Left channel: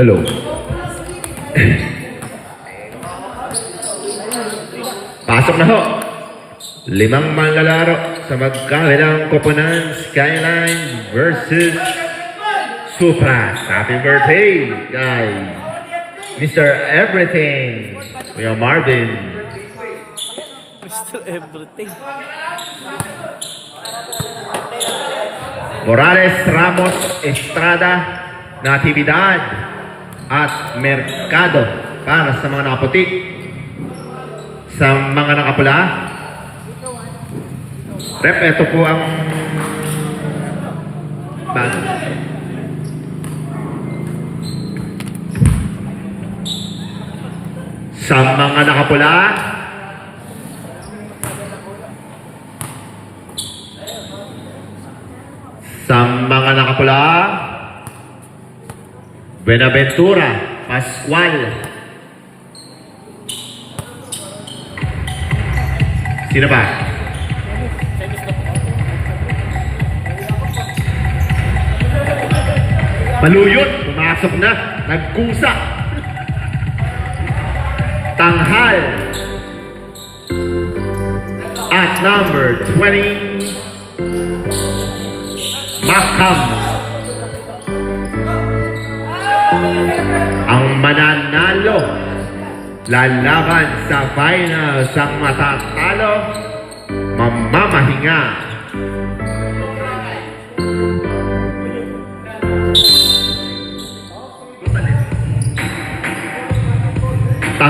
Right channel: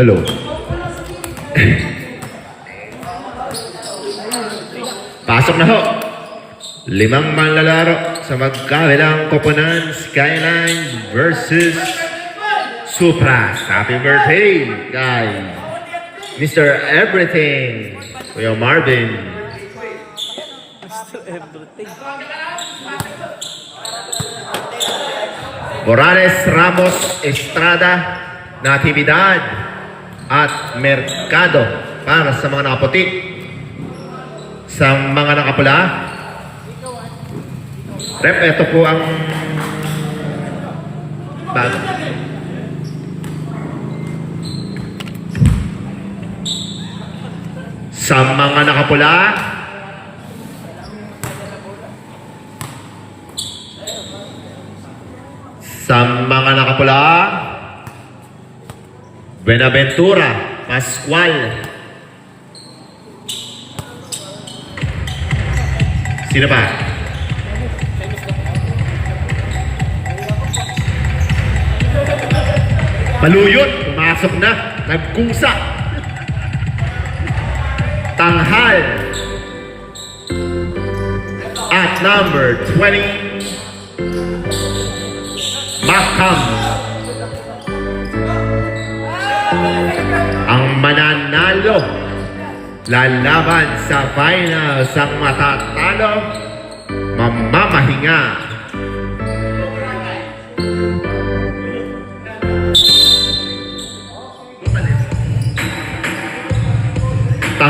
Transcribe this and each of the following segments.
Hello. Pasok na ho. 5 manlalaro sa magkabilang koponan, Skyline versus Supra. Happy birthday kay Mr. Everything, Kuya Marvin. Mr. Everything. Morales Ramos Estrada, Natividad at Mercado para sa mga nakaputi. Sa mga nakapula, rep, ito po ang bag. Sa mga nakapula, Benaventura Pascual. Sino ba? Maluyot, pumasok na, nagkusa. Tanghal. At number 20, Macam. Ang mananalo lalaban sa final sa matatalo, mamamahinga.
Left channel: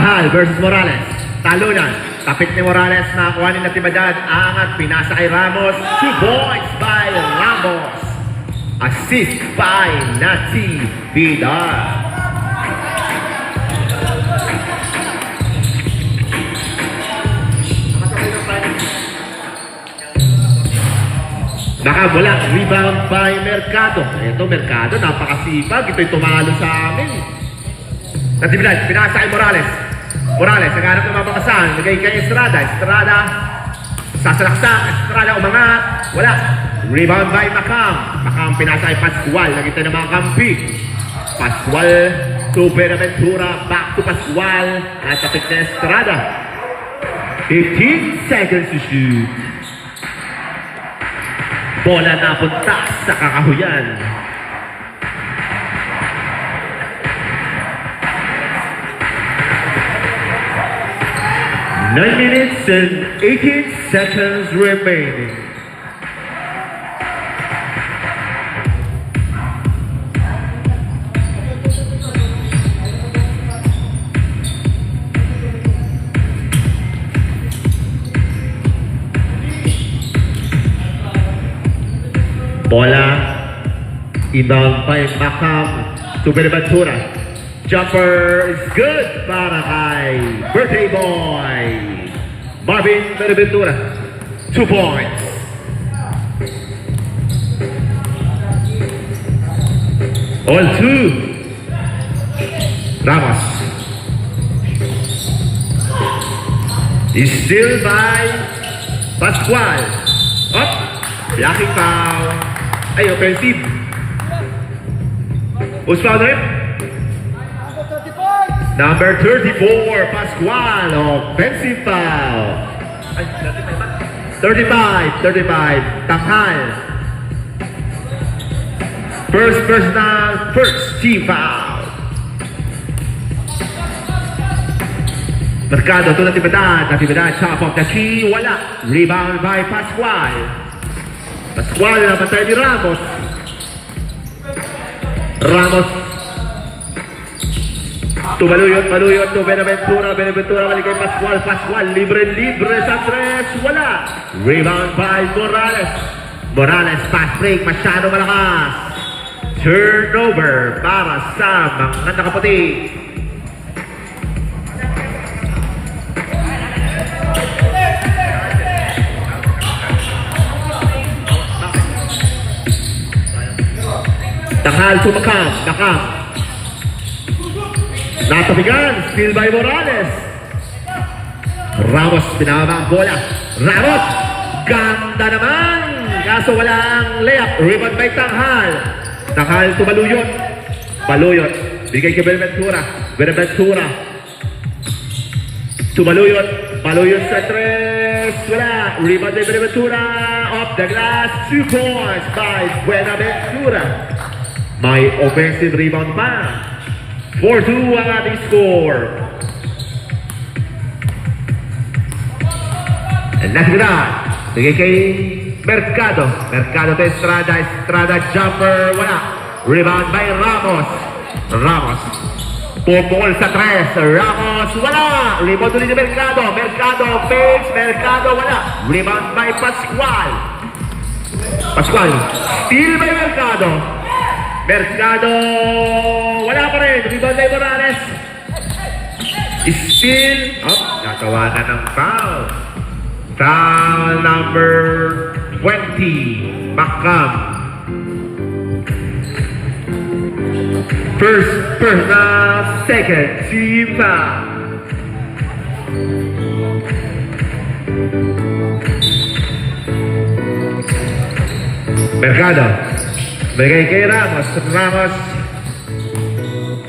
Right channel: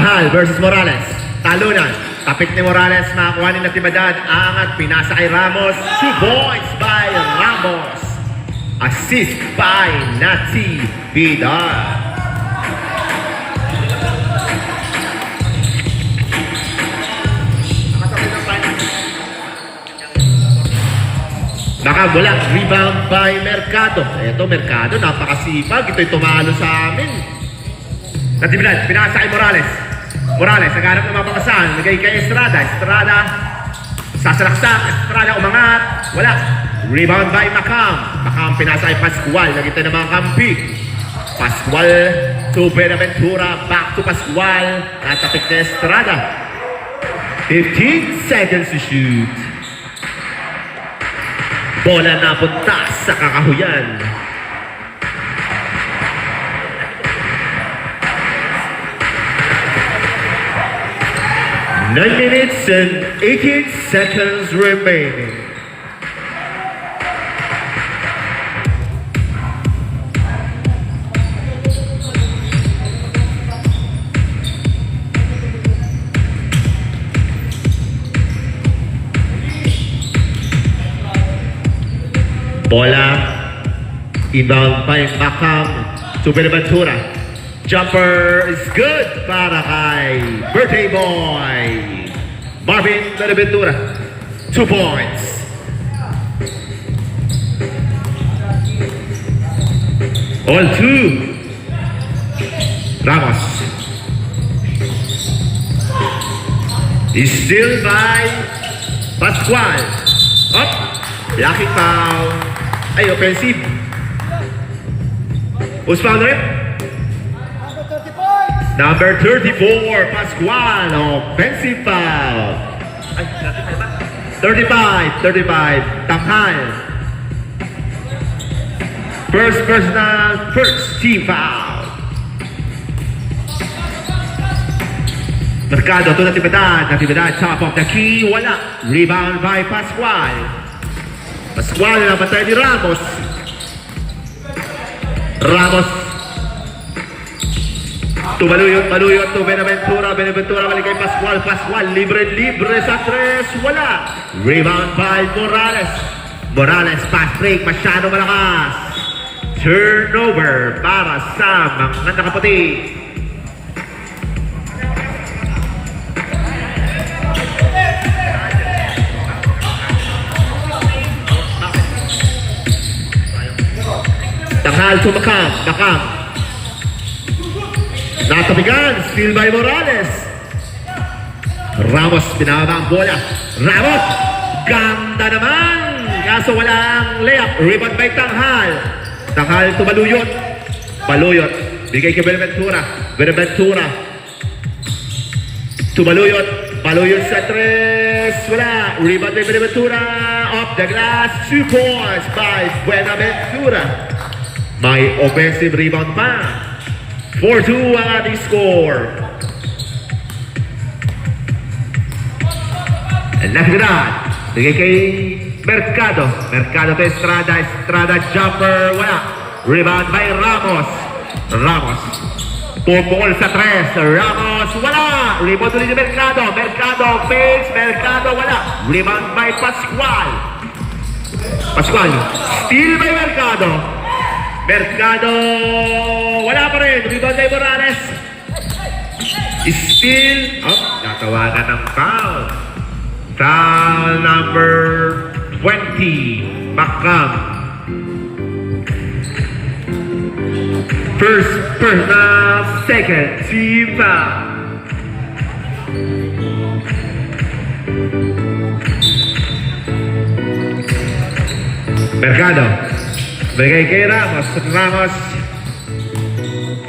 Tanghal versus Morales. Talunan. Tapik ni Morales. Nakakuha ni Natividad. Angat. Pinasa kay Ramos. 2 points by Ramos. Assist by Natividad. Nakagwala, rebound by Mercado. Ito, Mercado, napakasipag. Ito'y tumalo sa amin. Natividad, pinasa kay Morales. Morales, naghanap ng mga bakasan. Nagay kay Estrada. Estrada, sasalaksak. Estrada, umangat. Wala. Rebound by Macam. Macam, pinasa kay Pascual. Nakita ng mga kampi. Pascual to Benaventura. Back to Pascual. Natapik na Estrada. 15 seconds to shoot. Bola na punta sa kakahuyan. Nine minutes and 18 seconds remaining. Bola, inbound by Macam to Benaventura. Jumper is good para kay Birthday Boy. Marvin Benaventura, 2 points. All 2. Ramos. Is still by Pascual. Up, blocking foul. Ay, offensive. Who's foul there? Number 34, Pascual. Offensive foul. 35. Tanghal. First personal, first team foul. Mercado to Natividad. Natividad, top of the key. Wala. Rebound by Pascual. Pascual na patay ni Ramos. Ramos. Tumaluyot to Benaventura. Benaventura balik kay Pascual. Pascual libre sa 3. Wala. Rebound by Morales. Morales pass break. Masyado malakas. Turnover para sa mga nakaputi. Tanghal to Macam. Natabigan, still by Morales. Ramos, pinababa ang bola. Ramos, ganda naman. Kaso walang layup. Rebound by Tanghal. Tanghal to Baluyot. Bigay kay Benaventura. To Baluyot sa 3. Wala. Rebound by Benaventura. Off the glass. 2 points by Benaventura. May offensive rebound pa. 4-2 ang ating score. And Natividad. Bigay kay Mercado to Estrada jumper. Wala. Rebound by Ramos. Pumukol sa 3. Ramos. Wala. Rebound ulit ni Mercado. Mercado. Wala. Rebound by Pascual. Steal by Mercado, wala pa rin. Rebound by Morales. Still, natawanan ng foul. Foul number 20, Macam. First personal, second team foul. Mercado. Bigay kay Ramos.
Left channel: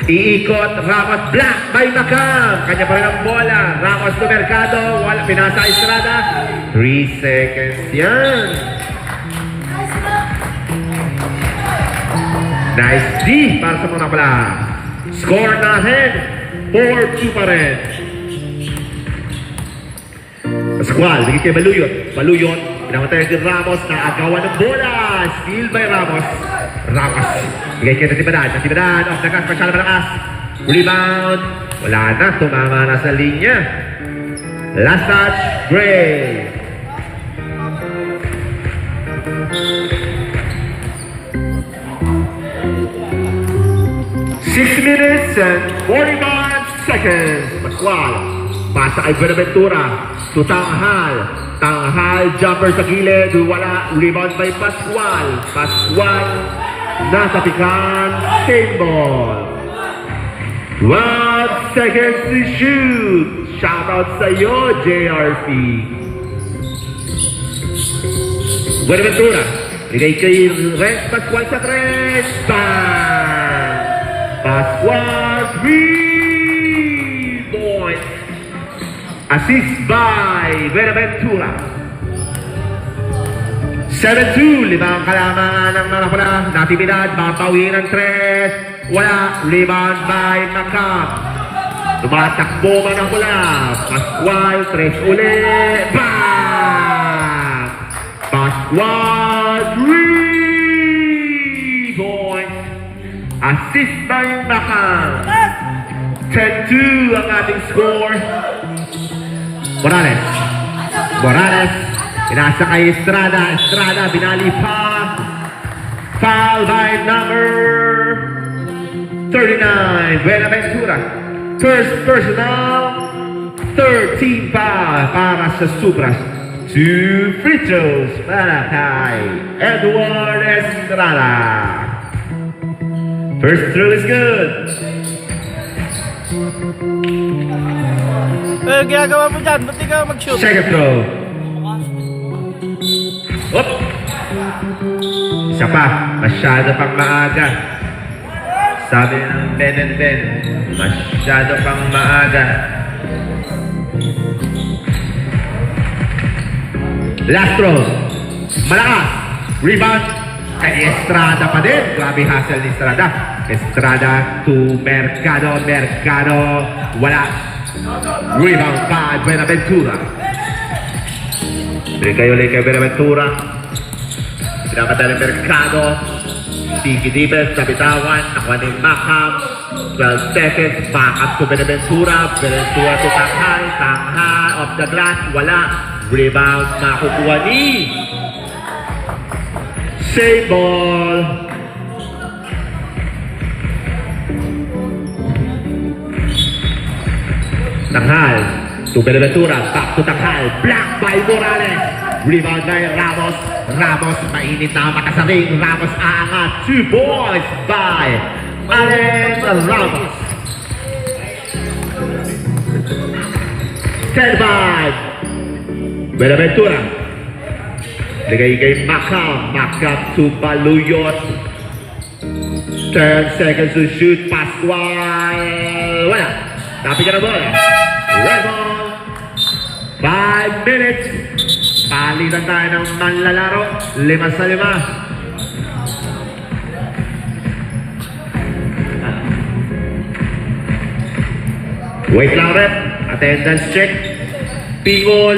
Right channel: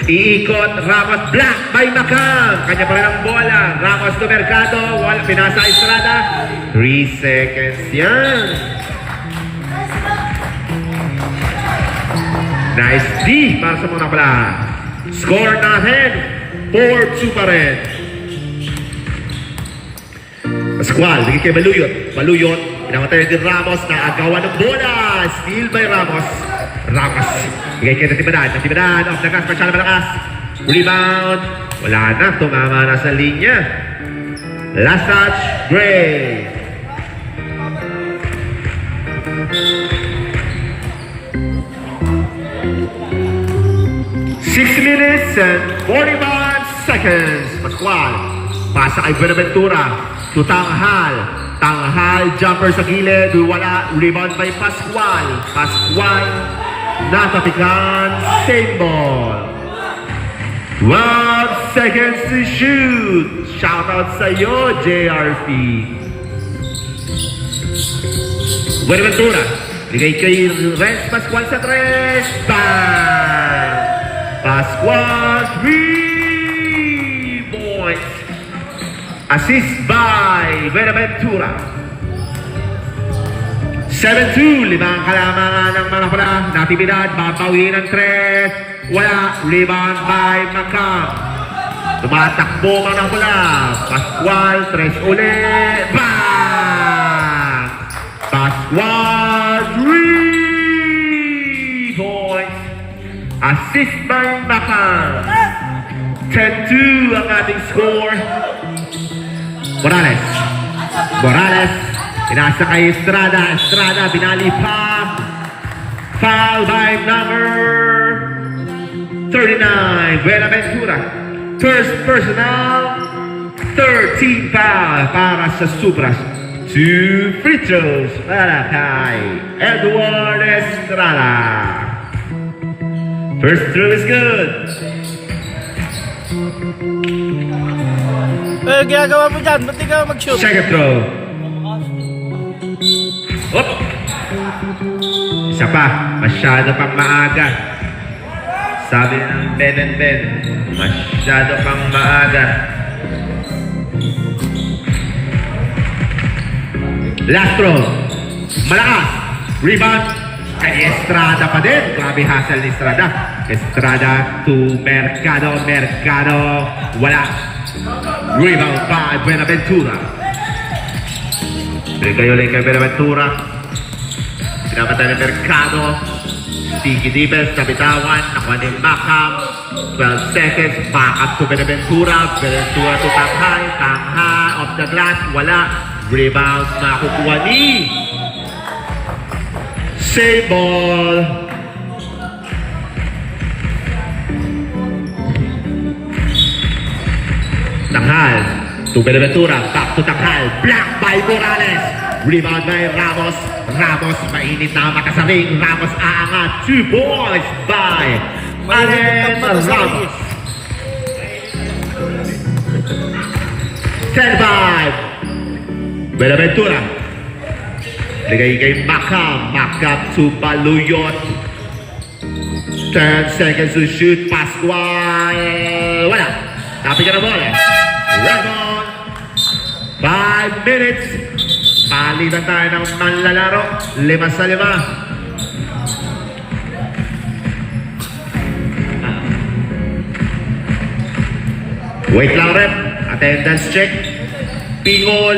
Iikot. Ramos. Block by Macam. Kanya pa rin ang bola. Ramos to Mercado. Wala. Pinasa Estrada. 3 seconds yan. Nice D para sa mga pala. Score na ahead. 4-2 pa rin. Pascual. Bigay kay Baluyot. Pinamatay din Ramos. Naagawan ng bola. Steal by Ramos. Bigay kay Natividad. Off the glass. Masyado malakas. Rebound. Wala na. Tumama na sa linya. Last touch. Gray. Six minutes and 41 seconds. Pascual. Pasa kay Buenaventura. To Tanghal. Tanghal. Jumper sa gilid. Wala. Rebound by Pascual. Pascual. Napapikan. Same ball. 1 second to shoot. Shoutout sa iyo, JRP. Buenaventura. Bigay kay Rex Pascual sa 3. Bang! Pascual 3 points. Assist by Buenaventura. 7-2. Limang kalamangan ng mga pula. Natividad. Babawi ng 3. Wala. Rebound by Macam. Tumatakbo man ang pula. Pascual. 3 ulit. Bang! Pascual 3 points. Assist by Macam. 10-2 ang ating score. Morales. Morales. Pinasa kay Estrada. Estrada. Binali pa. Foul by number 39. Buenaventura. First personal. 13 foul para sa Supras. 2 free throws para kay Edward Estrada. First throw is good. Ginagawa mo dyan, ba't di ka mag-shoot? Second throw. Op! Isa pa, masyado pang maaga. Sabi ng Ben, masyado pang maaga. Last throw. Malakas. Rebound. Kay Estrada pa din. Grabe hustle ni Estrada. Estrada to Mercado. Mercado. Wala. Rebound by Buenaventura. Bigay ulit kay Buenaventura. Pinakata ni Mercado. Tiki Dibes, kapitawan. Ako ni Macam. 12 seconds. Back up to Buenaventura. Buenaventura to Tanghal. Tanghal off the glass. Wala. Rebound. Makukuha ni save ball. Tanghal to Buenaventura. Back to Tanghal. Block by Morales. Rebound by Ramos. Ramos, mainit na mata sa ring. Ramos aangat. 2 points by Allen Ramos. 10-5. Buenaventura. Bigay kay Macam. Macam to Baluyot. 10 seconds to shoot. Pascual. Wala. Tapi ka na bola. Rebound. 5 minutes. Palitan tayo ng manlalaro. 5-5. Wait lang rep. Attendance check. Pingol.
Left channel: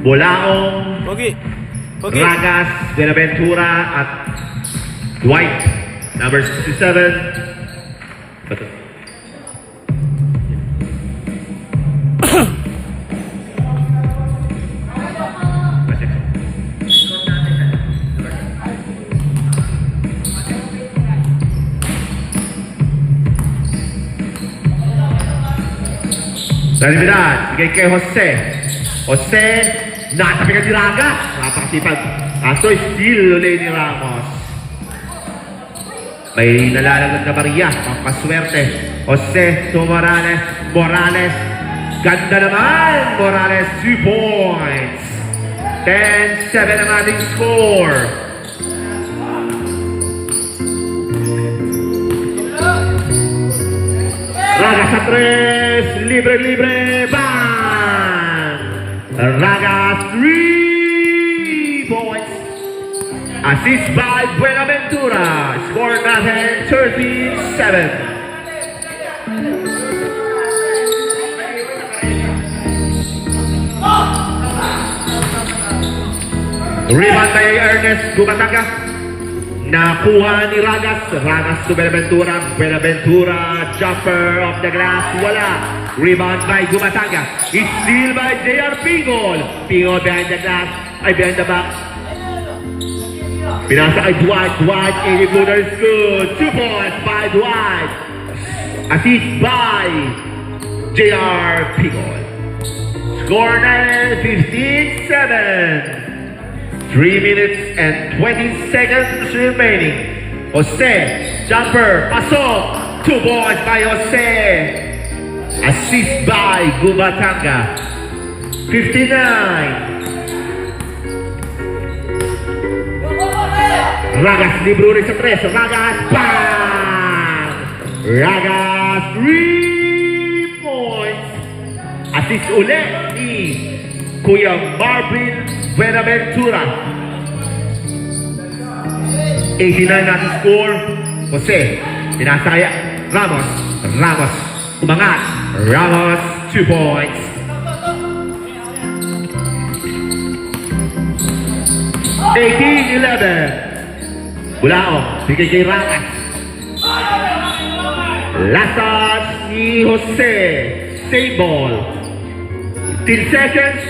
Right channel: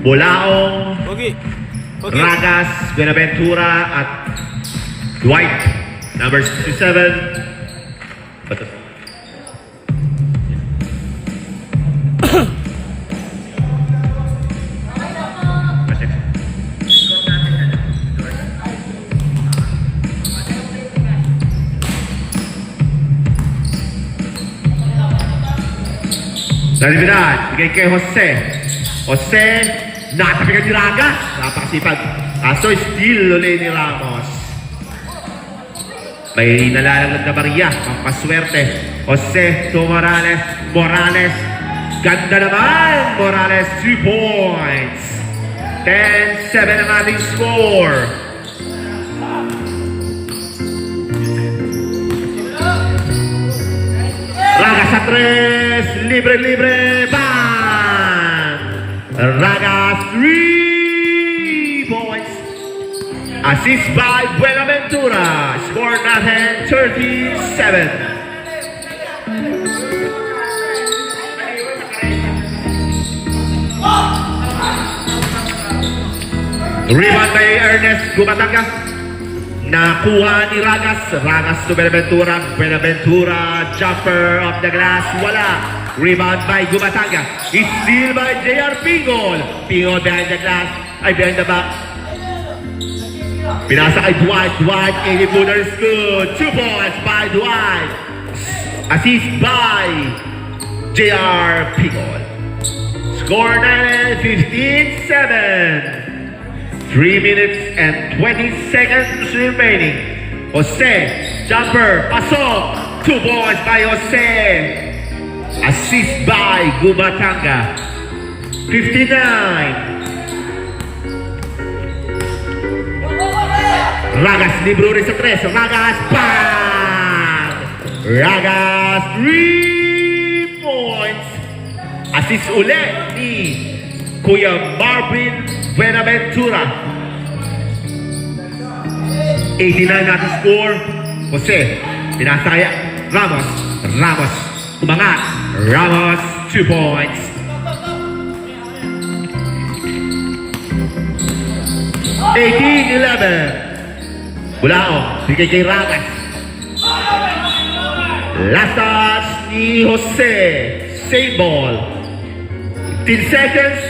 Bulaong. Okay. Ragas. Buenaventura at Dwight. Number 67. Salidad, bigay kay Jose. Jose, napakagad ni Raga. Napakasipag. Aso, steal ulit ni Ramos. May nalalagod na Maria. Pampaswerte. Jose to Morales. Morales. Ganda naman. Morales, 2 points. 10-7 ang ating score. Raga sa 3. Libre. Bang! Raga 3 points. Assist by Buenaventura. Score natin 37. Rebound by Ernest Gumataga. Nakuha ni Ragas. Ragas to Benaventura. Benaventura, jumper of the glass. Wala. Rebound by Gumatanga. Steal by J.R. Pingol. Pingol behind the glass. Ay, behind the back. Pinasa kay Dwight. Dwight, 80-footers good. 2 points by Dwight. Assist by J.R. Pingol. Score na 15-7. 3 minutes and 20 seconds remaining. Jose, jumper, pasok. 2 points by Jose. Assist by Gumatanga. 59. Ragas, libro rin sa 3. Ragas, bang! Ragas, 3 points. Assist ulit ni Kuya Marvin Benaventura. 89 natin score. Jose, pinasa kaya Ramos. Ramos, umangat. Ramos, 2 points. 18-11. Bulao, bigay kay Ragas. Last touch ni Jose. Same ball. 10 seconds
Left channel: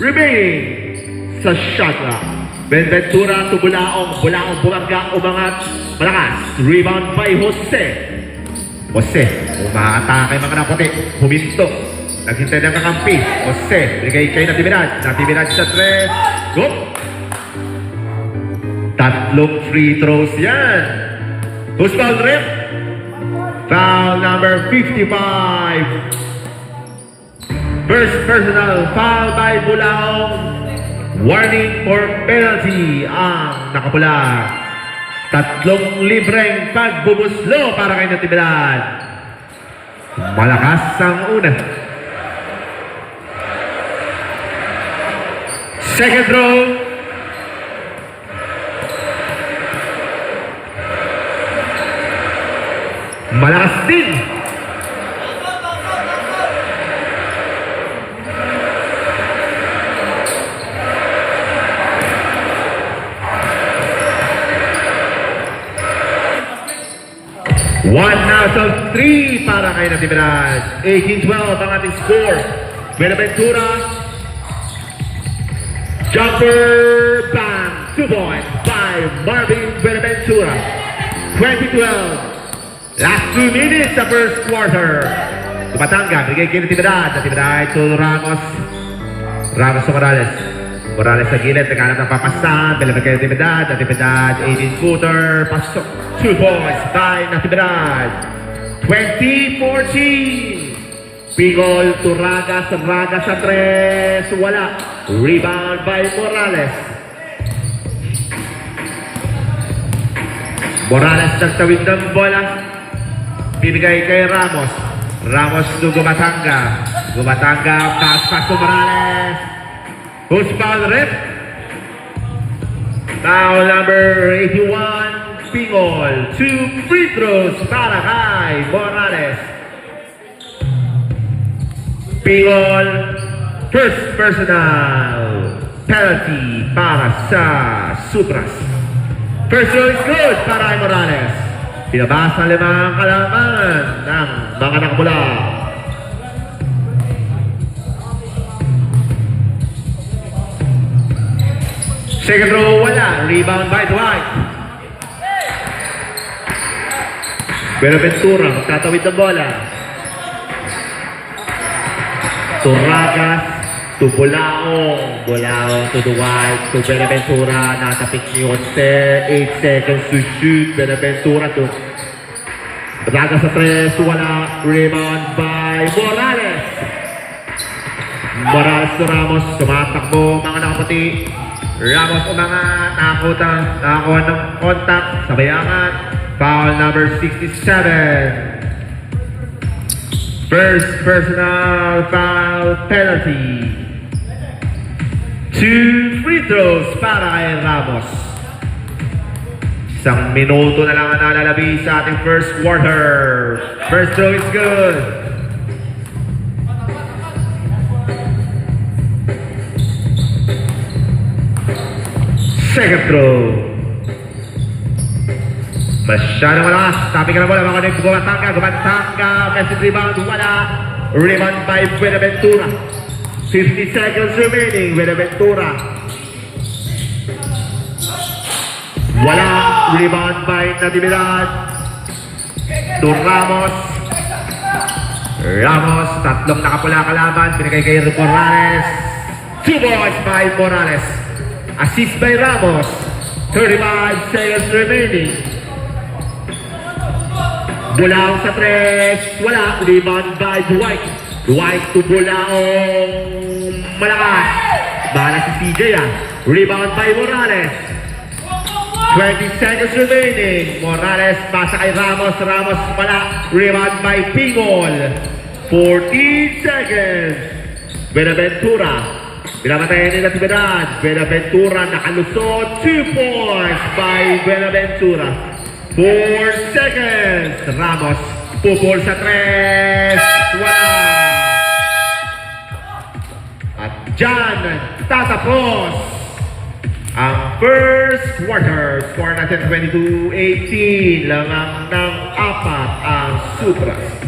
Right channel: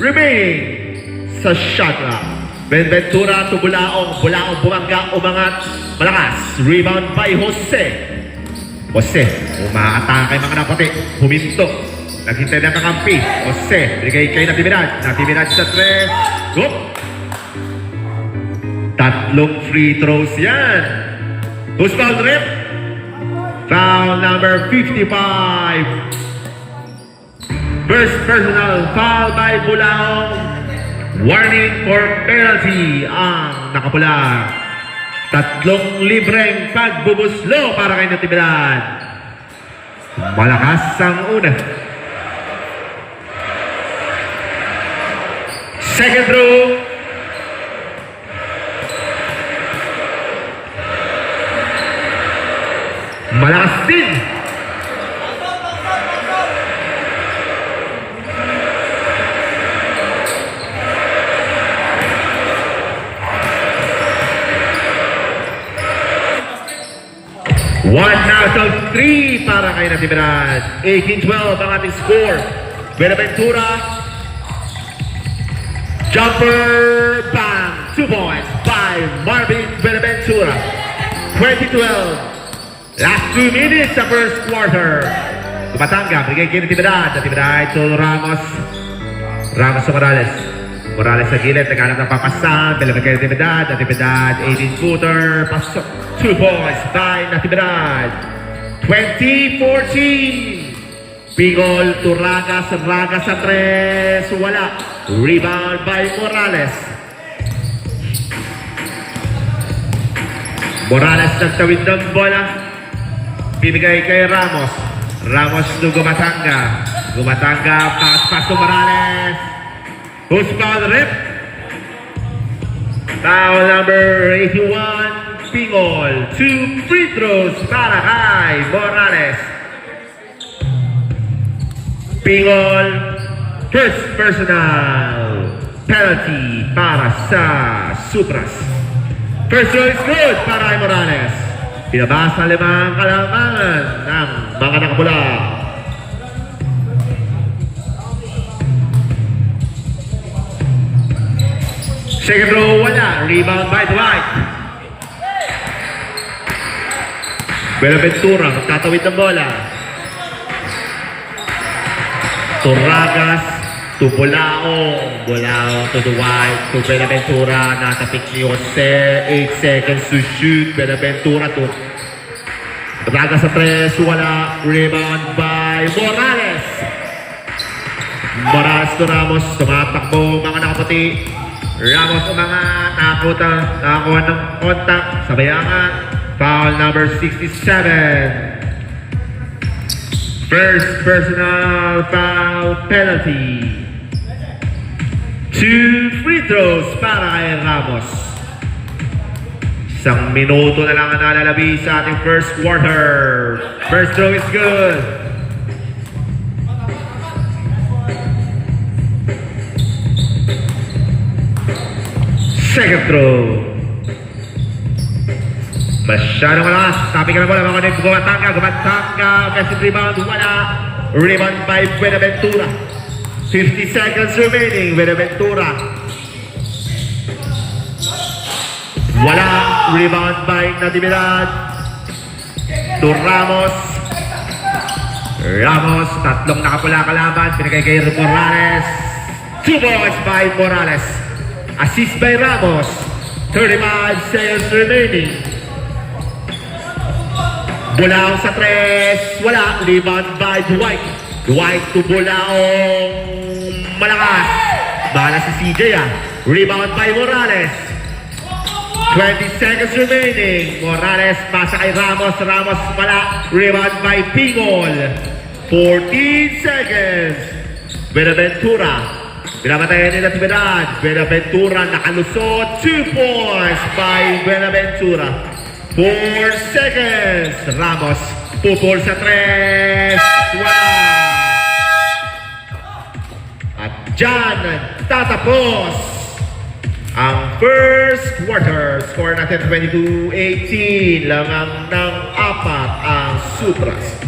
remaining sa shot clock. Benaventura to Bulaong. Bulaong bumangga, umangat. Malakas. Rebound by Jose. Jose, umaatake mga naputi. Huminto. Naghintay na kakampi. Jose, bigay kay Natividad. Natividad sa 3. Go! 3 free throws yan. Who's foul, Rip? Foul number 55. First personal foul by Bulaong. Warning for penalty ang nakapula. 3 libreng pagbubuslo para kay Natividad. Malakas ang una. Second row. Malakas din. One out of 3 para kay Natividad. 18-12 ang ating score. Benaventura. Jumper, bang. 2 points by Marvin Benaventura. 20-12. Last 2 minutes sa first quarter. Gumatanga, bigay kay Natividad. Natividad to Ramos. Ramos sa Morales. Morales sa gilid, naghanap ng papasan. Bilabig kay Natividad. Natividad, 18-footer. Pasok. 2 points by Natividad. 20-14. Pingol to Ragas. Ragas sa 3. Wala. Rebound by Morales. Morales nagtawid ng bola. Bibigay kay Ramos. Ramos to Gumatanga. Gumatanga, pass to Morales. Who's foul, Rip? Foul number 81, Pingol. 2 free throws para kay Morales. Pingol, first personal penalty para sa Supras. First throw is good para kay Morales. Pinabasa 5 kalaman ng mga nakapula. Second row, wala. Rebound by Dwight. Benaventura, tatawid ng bola. To Ragas, to Bulaong. Bulaong to Dwight, to Benaventura. Natapik ni Jose. 8 seconds to shoot. Benaventura to Ragas sa 3. Wala. Rebound by Morales. Morales to Ramos. Tumatakbo mga nakaputi. Ramos ang mga nakakuha ng contact sa bayangan. Foul number 67. First personal foul penalty. 2 free throws para kay Ramos. 1 minuto na lang ang nalalabi sa ating first quarter. First throw is good. Second throw. Masyadong malakas. Sabi ka na bola, mga kanit, Gumatanga, message rebound, wala. Rebound by Buenaventura. 50 seconds remaining, Buenaventura. Wala. Rebound by Natividad. To Ramos. Ramos, tatlong nakapula kalaban. Pinagay kay Morales. 2 balls by Morales. Assist by Ramos. 35 seconds remaining. Bulaong sa 3. Wala. Rebound by Dwight. Dwight to Bulaong. Malakas. Bala si CJ ah. Rebound by Morales. 20 seconds remaining. Morales pasa kay Ramos. Ramos wala. Rebound by Pingol. 14 seconds. Benaventura. Pinapatayan nila si Bedad. Benaventura nakalusot. 2 points by Benaventura. 4 seconds. Ramos. Pupol sa 3. Wow! At dyan tatapos ang first quarter. Score natin 22-18. Langang ng 4 ang Supras.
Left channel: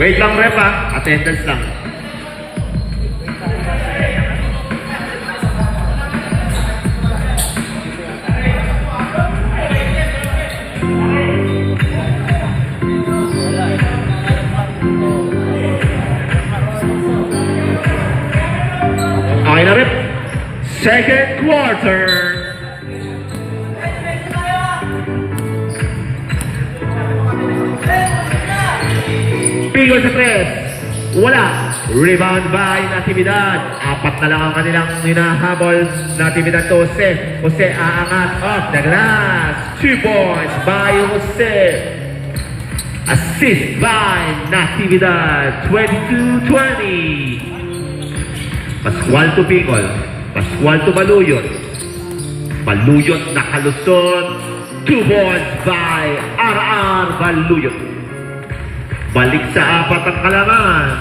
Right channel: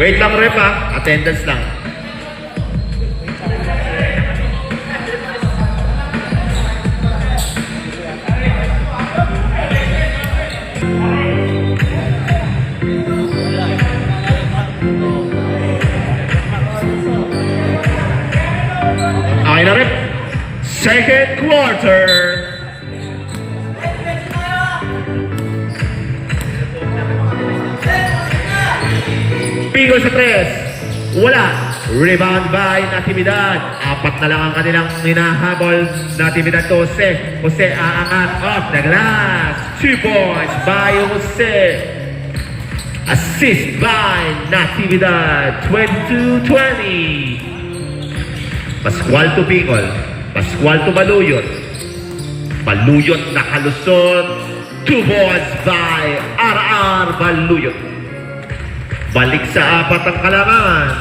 Wait lang rep ha, attendance lang. Okay na rep. Second quarter. Pigo sa 3. Wala. Rebound by Natividad. 4 na lang ang kanilang hinahabol. Natividad to Jose. Jose aangat off the glass. 2 points by Jose. Assist by Natividad. 22-20. Pascual to Pingol. Pascual to Baluyot. Baluyot nakalusot. 2 points by RR Baluyot. Balik sa 4 ang kalamangan.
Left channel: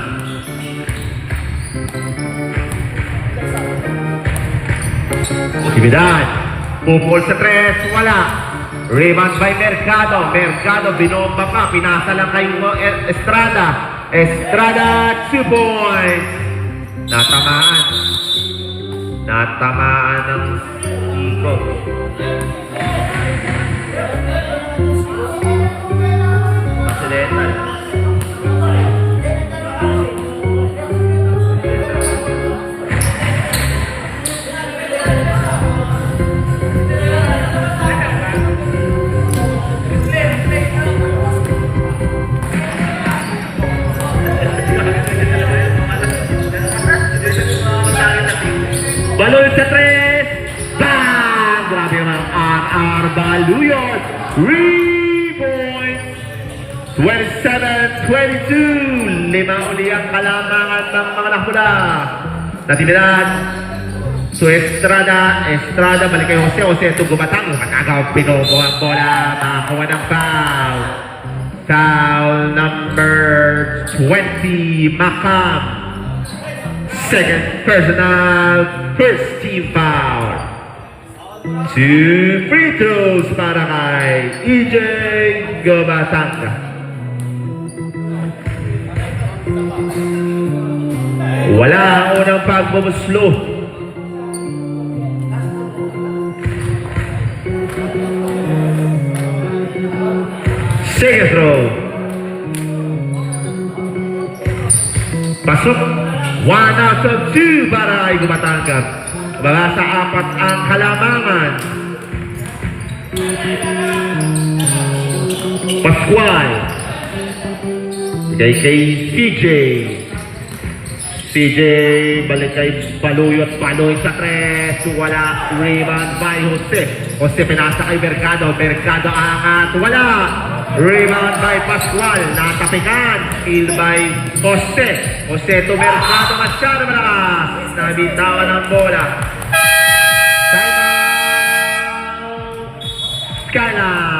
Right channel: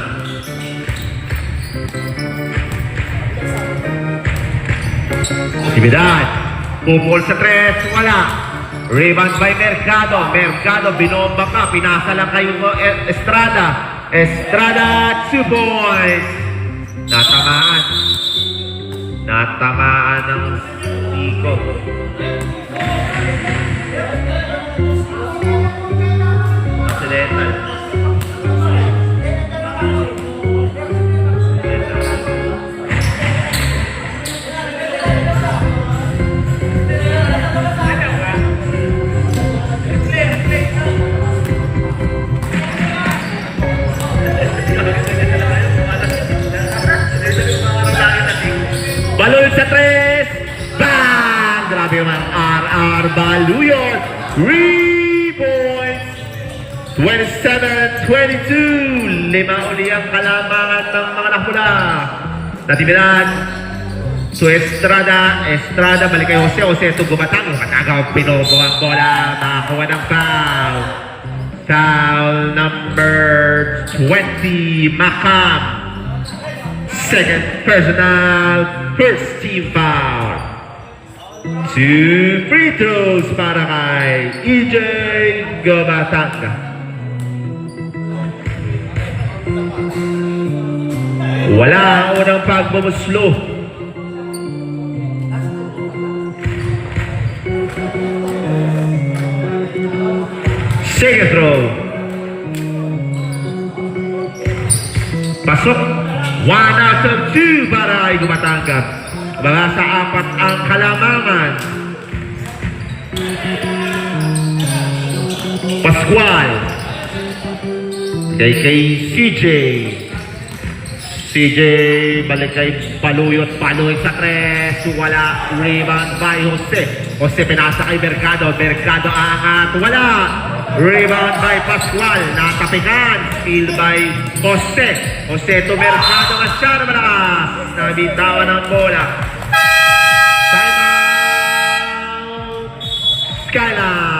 Natividad. Pupol sa 3. Wala. Rebound by Mercado. Mercado binomba pa. Pinasa lang kayo Estrada. Estrada 2 points. Natamaan. Natamaan ng Nico. Pasileta. Balon sa 3. Bang! Grabe naman. RR Baluyot. 3 points. 27-22. 5 uli ang kalamangan ng mga nakula. Natividad. So Estrada. Estrada. Balik kay Jose. Jose ito gumatang. Matagaw. Pinobo ang bola. Makakuha ng foul. Foul number 20. Macam. Second personal, first team foul. 2 free throws para kay EJ Gumatanga. Wala ang unang pagbumuslo. Second throw. Pasok. 1 out of 2 para ay Gumatanga. Mga sa apat ang kalamangan. Pascual. Kay CJ. CJ balik kay Baluyot. Paloy sa tres. Wala. Rebound by Jose. Jose pinasa kay Mercado. Mercado angat. Wala. Rebound by Pascual. Natapikan. Steal by Jose. Jose to Mercado. Masyado malakas. Nabitawan ang bola. Timeout. Skyline.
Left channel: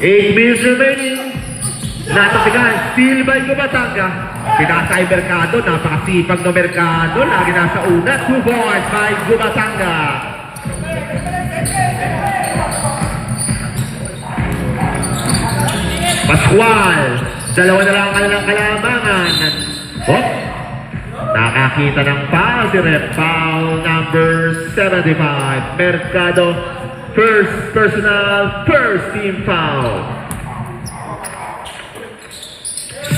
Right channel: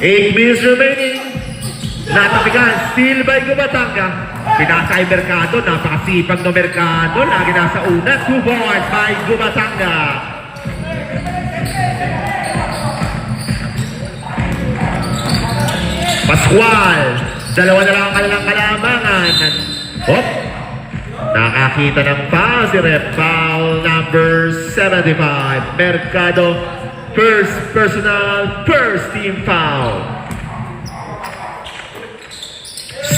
Eight minutes remaining. Natapikan, steal by Gubatanga. Pinasa ay Mercado, napakasipag na Mercado. Lagi nasa una, 2 balls by Gubatanga. Pascual, dalawa na lang ang kanilang kalamangan. Oh, nakakita ng foul si Rep. Foul number 75. Mercado, first personal, first team foul.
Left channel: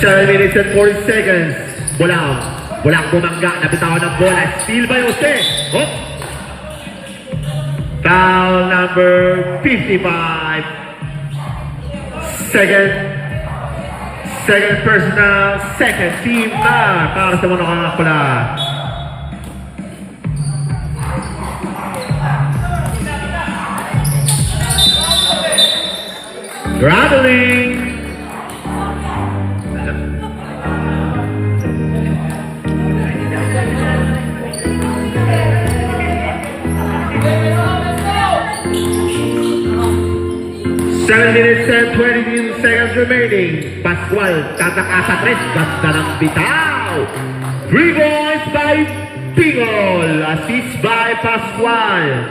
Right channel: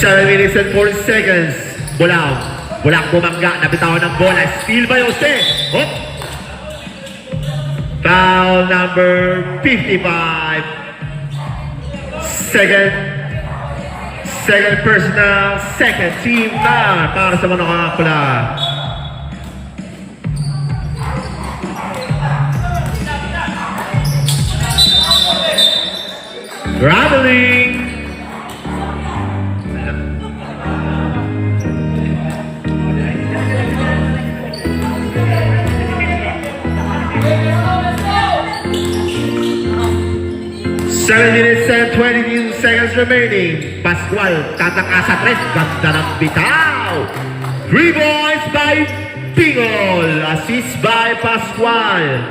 7 minutes and 40 seconds. Bulang bumangga, nabitawan ng bola. Steal by Jose. Oh. Foul number 55. Second personal, second team foul para sa mga kakapula. Traveling. Seven minutes and 22 seconds remaining. Pascual, tataka sa tres. Ganda ng bitaw. 3 points by Bingol. Assist by Pascual.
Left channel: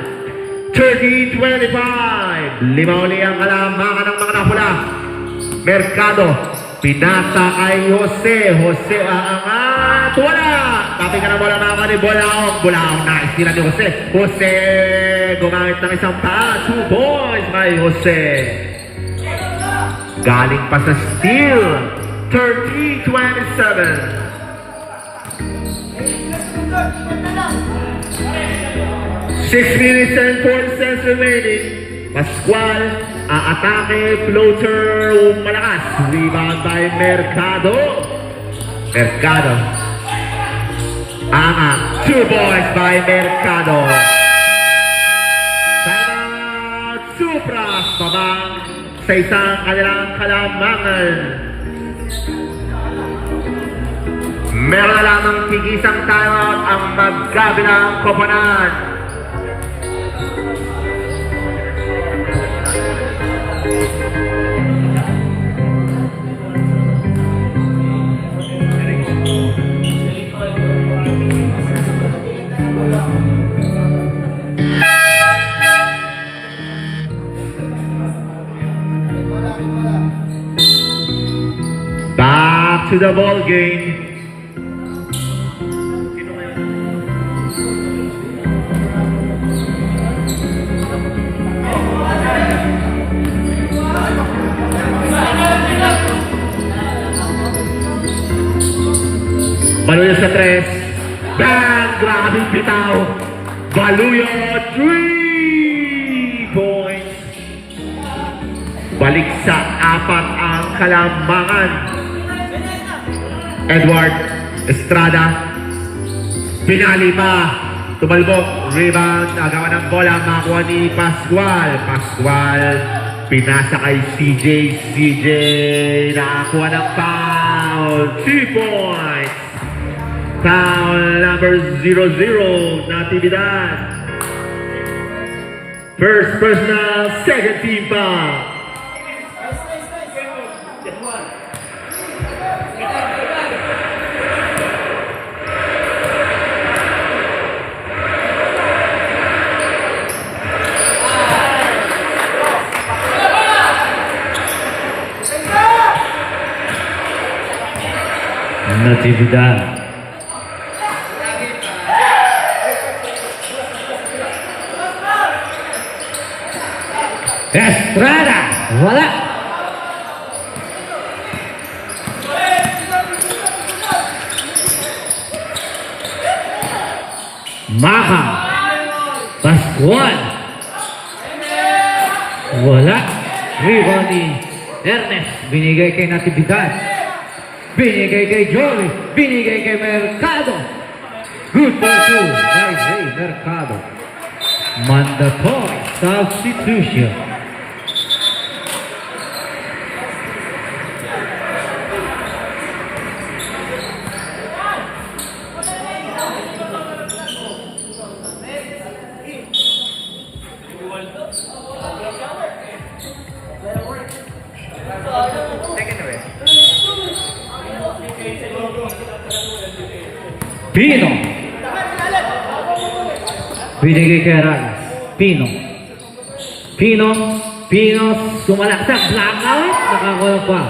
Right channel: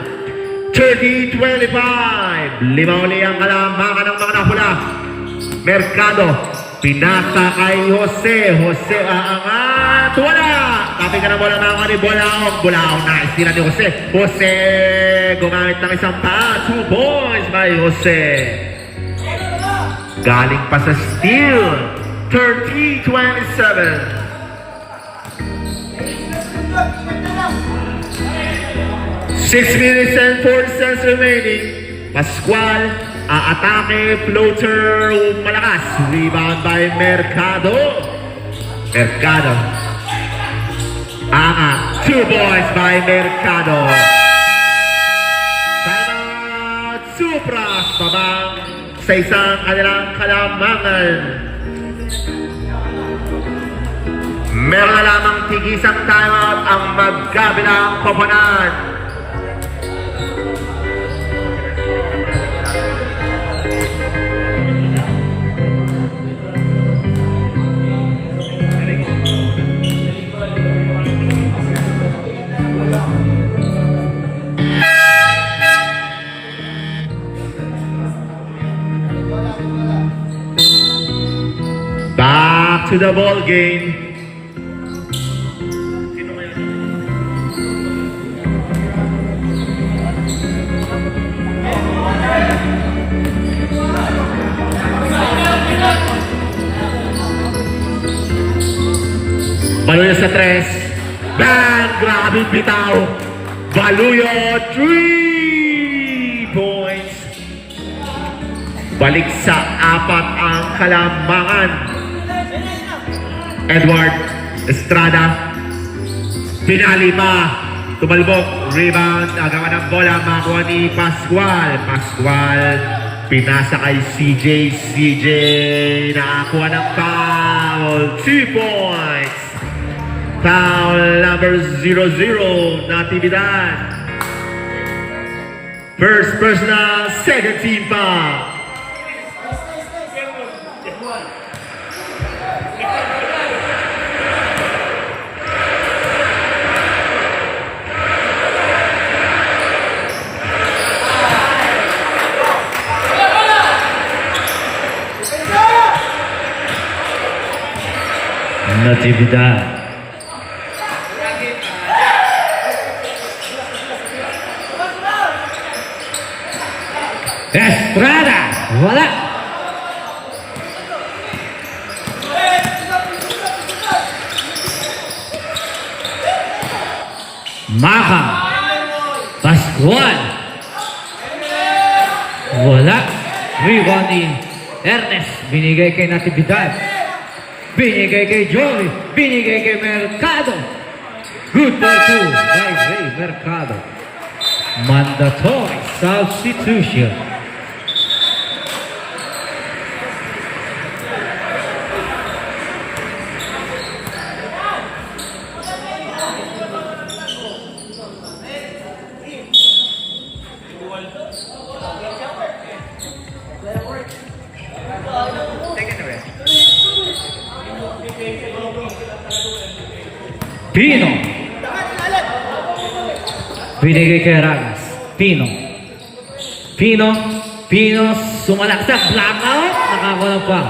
30-25. Lima uli ang kalamangan ng mga napula. Mercado. Pinasa kay Jose. Jose aangat. Wala. Tapi ka na bola mga kani. Bulaong. Nice. Tira ni Jose. Jose. Gumamit ng isang pa. 2 points by Jose. Galing pa sa steal. 30-27. 6 minutes and 4 seconds remaining. Pascual, aatake, floater, malakas. Rebound by Mercado. Mercado. 2 points by Mercado. Timeout, Supras, babang sa isang kanilang kalamangan. Meron na lamang tigisang timeout ang magkabilang koponan. Back to the ball game. Baluyot sa tres. Bang! Grabe bitaw. Baluyot, 3 points. Balik sa 4 ang kalamangan. Edward Estrada. Pinali pa. Tumalbog. Rebound. Agawan ng bola. Makuha ni Pascual. Pascual. Pinasa kay CJ. CJ nakakuha ng foul. 2 points. Foul number 00, Natividad. First personal, second team foul. Natividad. Estrada, wala. Makam, Pascual, wala. Rebound ni Ernest, binigay kay Natividad. Binigay kay Joey, binigay kay Mercado. Good for 2 by Ray Mercado. Mandatory substitution. Pino. Binigay kay Reyes. Pino. Pino sumalaksak. Blackout. Nakakuha pa.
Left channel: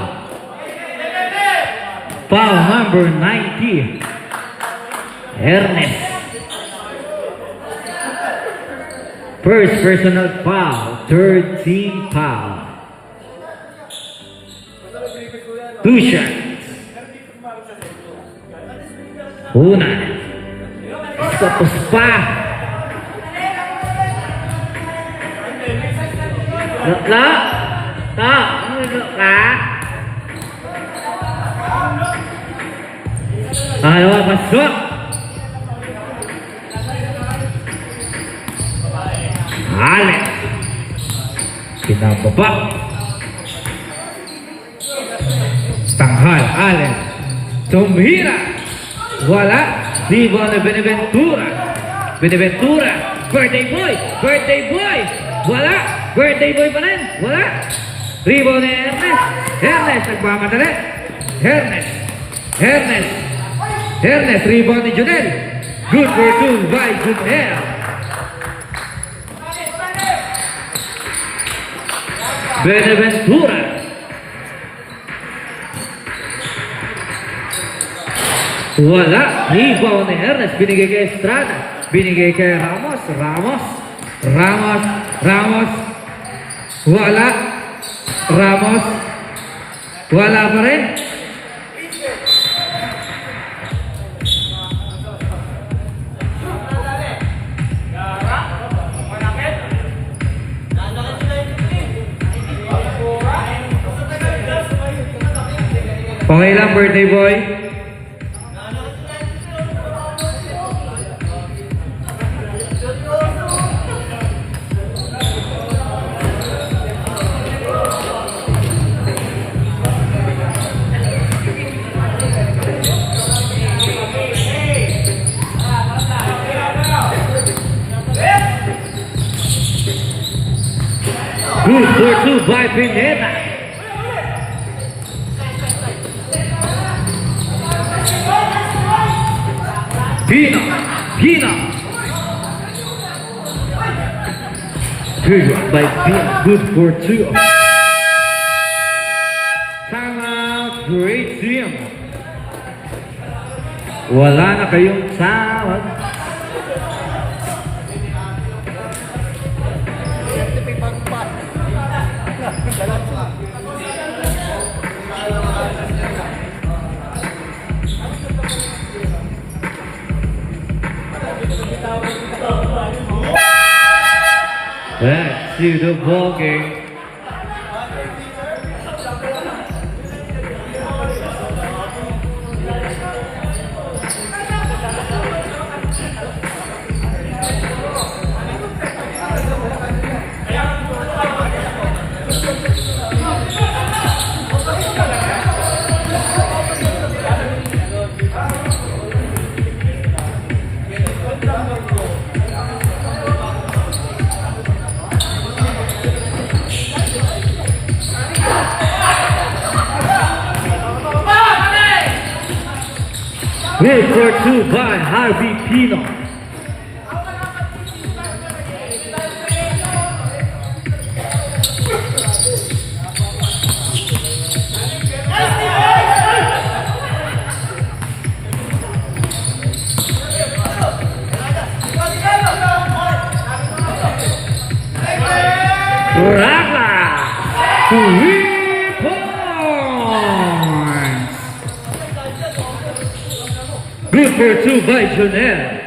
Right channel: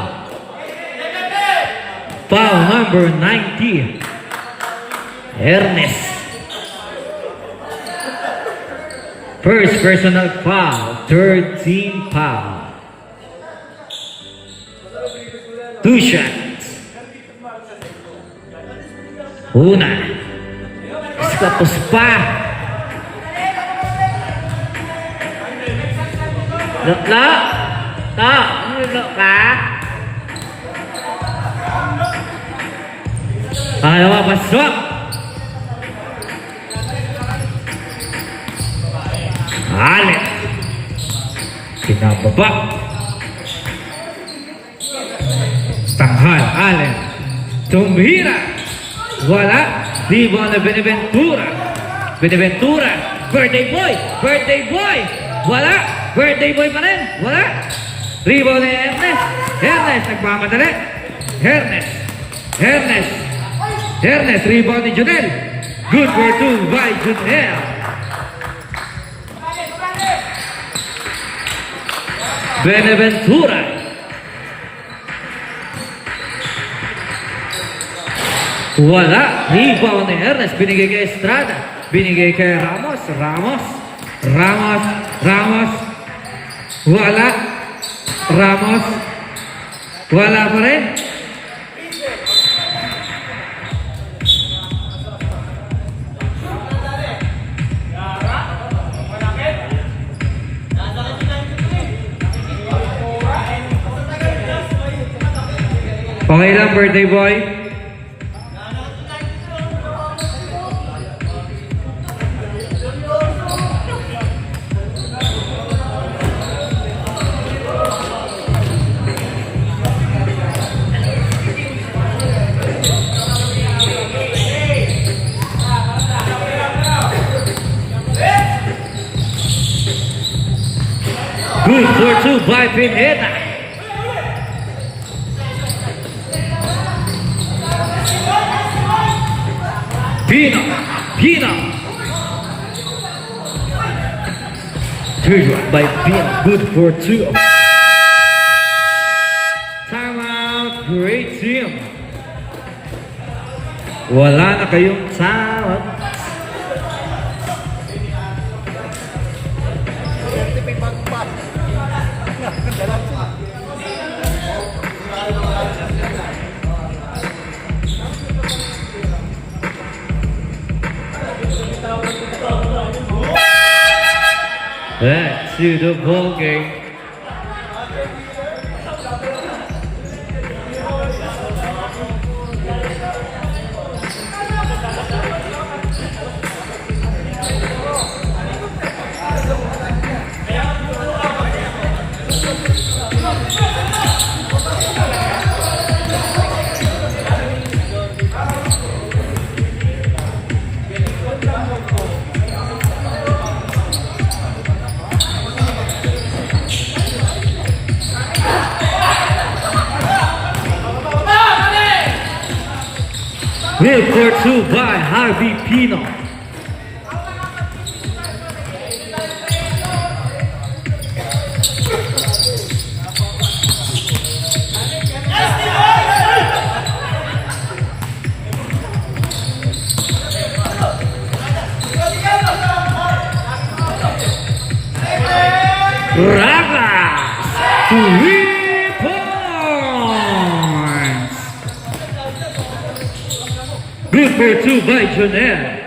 Foul number 90. Ernest. First personal foul. Third team foul. 2 shots. Una. Tapos pa. Lutlo. To. Lutlo ka. Ayaw, pasok. Allen. Kinababa. Tanghay. Allen. Tumhira. Wala. Hibo na Benaventura. Benaventura. Birthday boy. Birthday boy. Wala. Birthday boy pa rin. Wala. Rebound ni Ernest. Ernest. Nagmamadali. Ernest. Rebound ni Junel. Good for 2 by Junel. Benaventura. Wala. Rebound ni Ernest. Binigay kay Estrada. Binigay kay Ramos. Wala. Ramos. Wala pa rin. Okay lang, birthday boy. Good for 2 by Pineda. Pino. Good by Pino. Good for 2. Timeout. Great team. Wala na kayong sound. Back to the ball game. Good for two by Harvey Pino. Ragas, 3 points. Good for two by Jonel.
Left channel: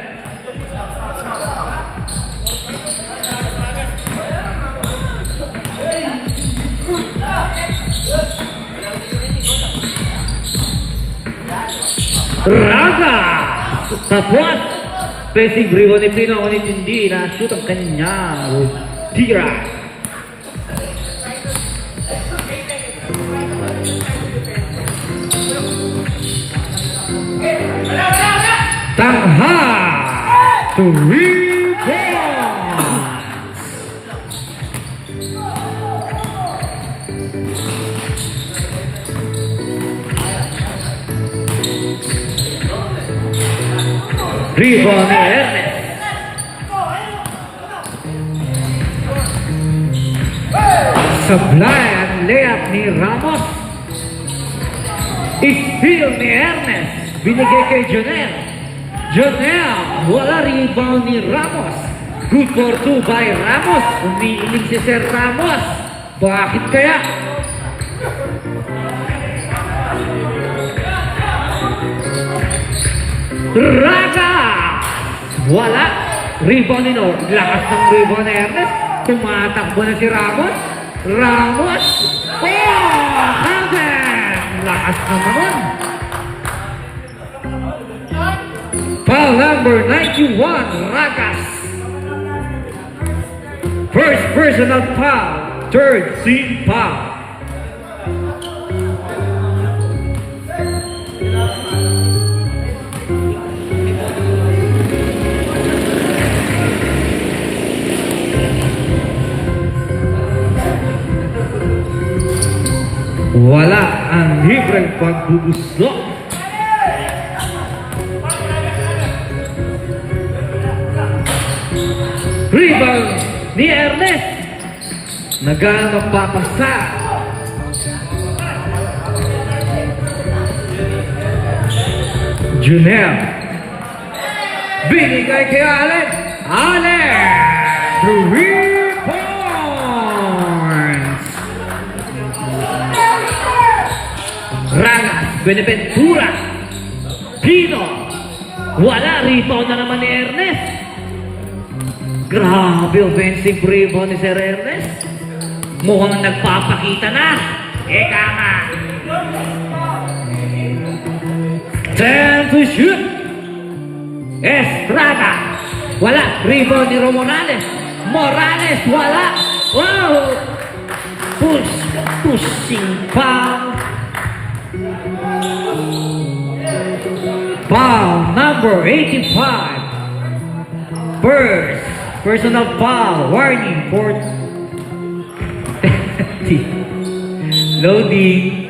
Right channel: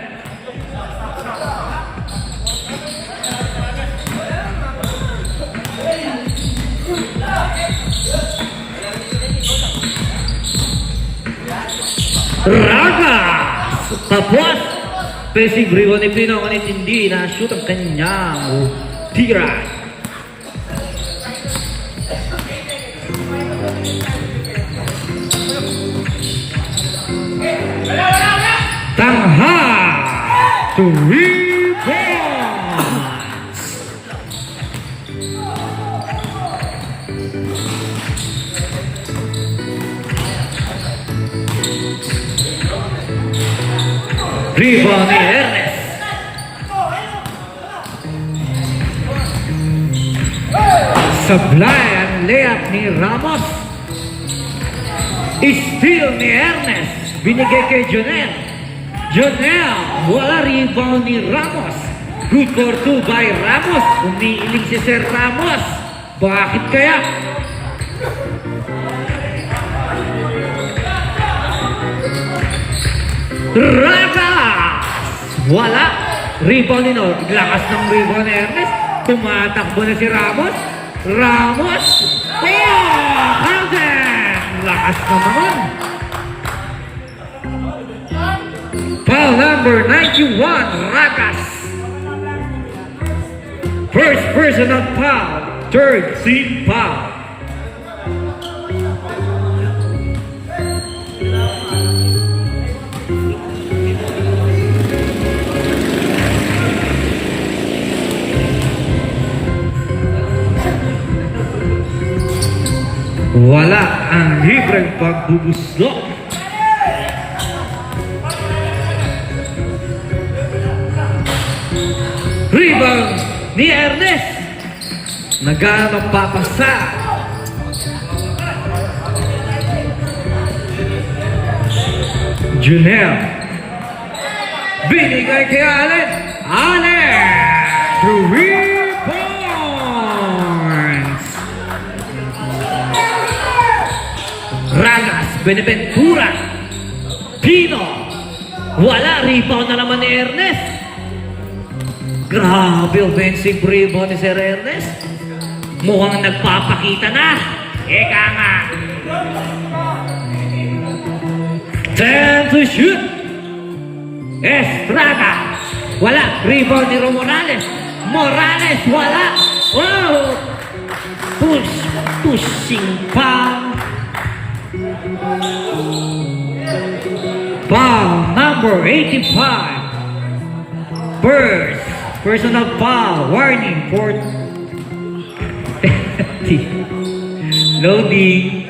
Ragas! Tapos, pesing riwan ni Pino, ngunit hindi na-shoot ang kanyang tira. Tangha! 3 points! Rebound ni Ernest. Supply ang layup ni Ramos. Steal ni Ernest. Binigay kay Jonel. Jonel, wala rebound ni Ramos. Good for two by Ramos. Umiiling si Sir Ramos. Bakit kaya? Ragas! Wala. Rebound ni Nord. Lakas ng rebound ni Ernest. Tumatakbo na si Ramos. Ramos! Oh! Handen! Lakas na naman. Foul number 91, Ragas. First personal foul. Third team foul. Wala ang libreng pagbubuslok. Rebound ni Ernest. Naganong papasa. Junel. Binigay kay Allen. Allen. 3 points. Ragas, Beneventura, Pino, wala, rebound na naman ni Ernest. Grabe, offensive rebound ni Sir Ernest. Mukhang nagpapakita na. Eka nga. 10 to shoot. Estrada, wala, rebound ni Morales. Morales, wala. Wow. Pushing pa. Foul number 85. First personal foul. Warning for loading.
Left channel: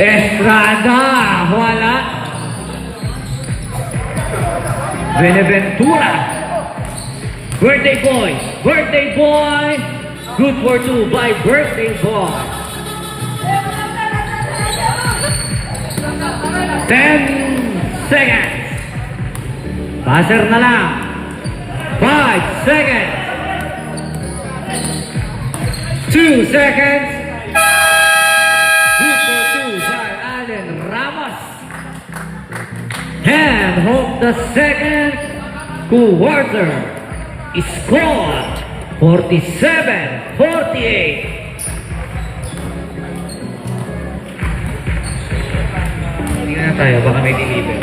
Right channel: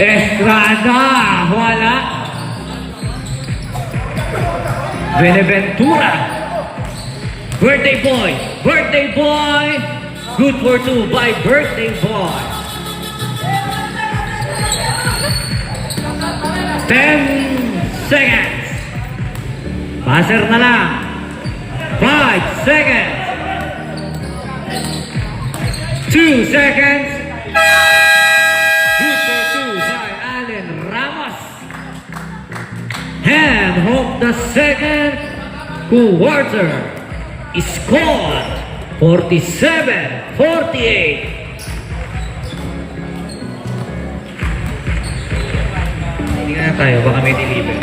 Estrada, wala. Beneventura. Birthday boy. Good for two by Birthday Boy. 10 seconds. Passer na lang. 5 seconds. 2 seconds. Good for two by Allen Ramos. And hope the second quarter is scored 47-48. Tingnan tayo, baka may deliver.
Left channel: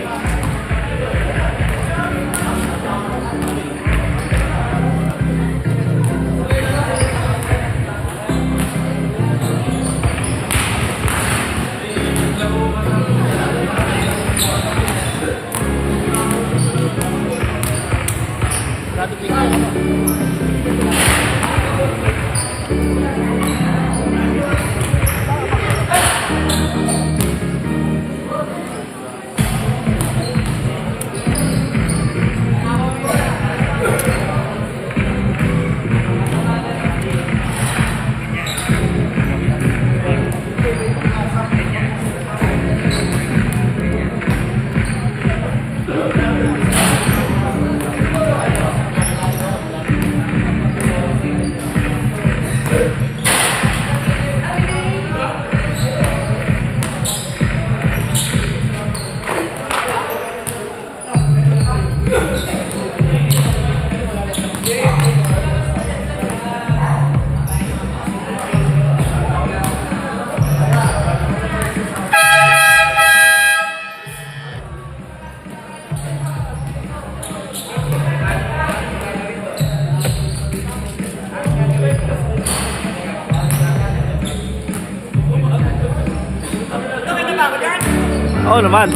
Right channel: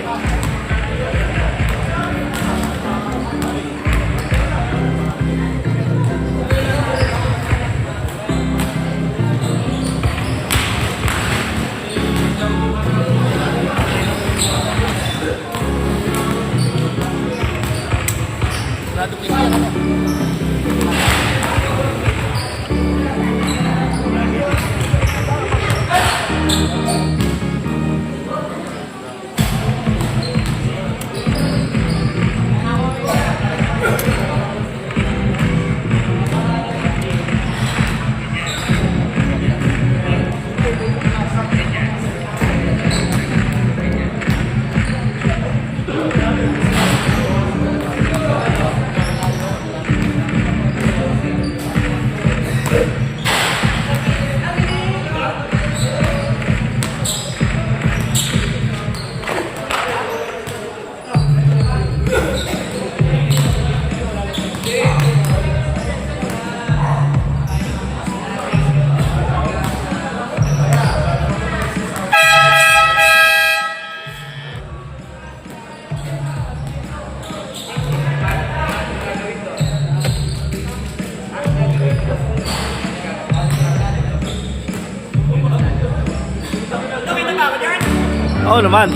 Oo naman.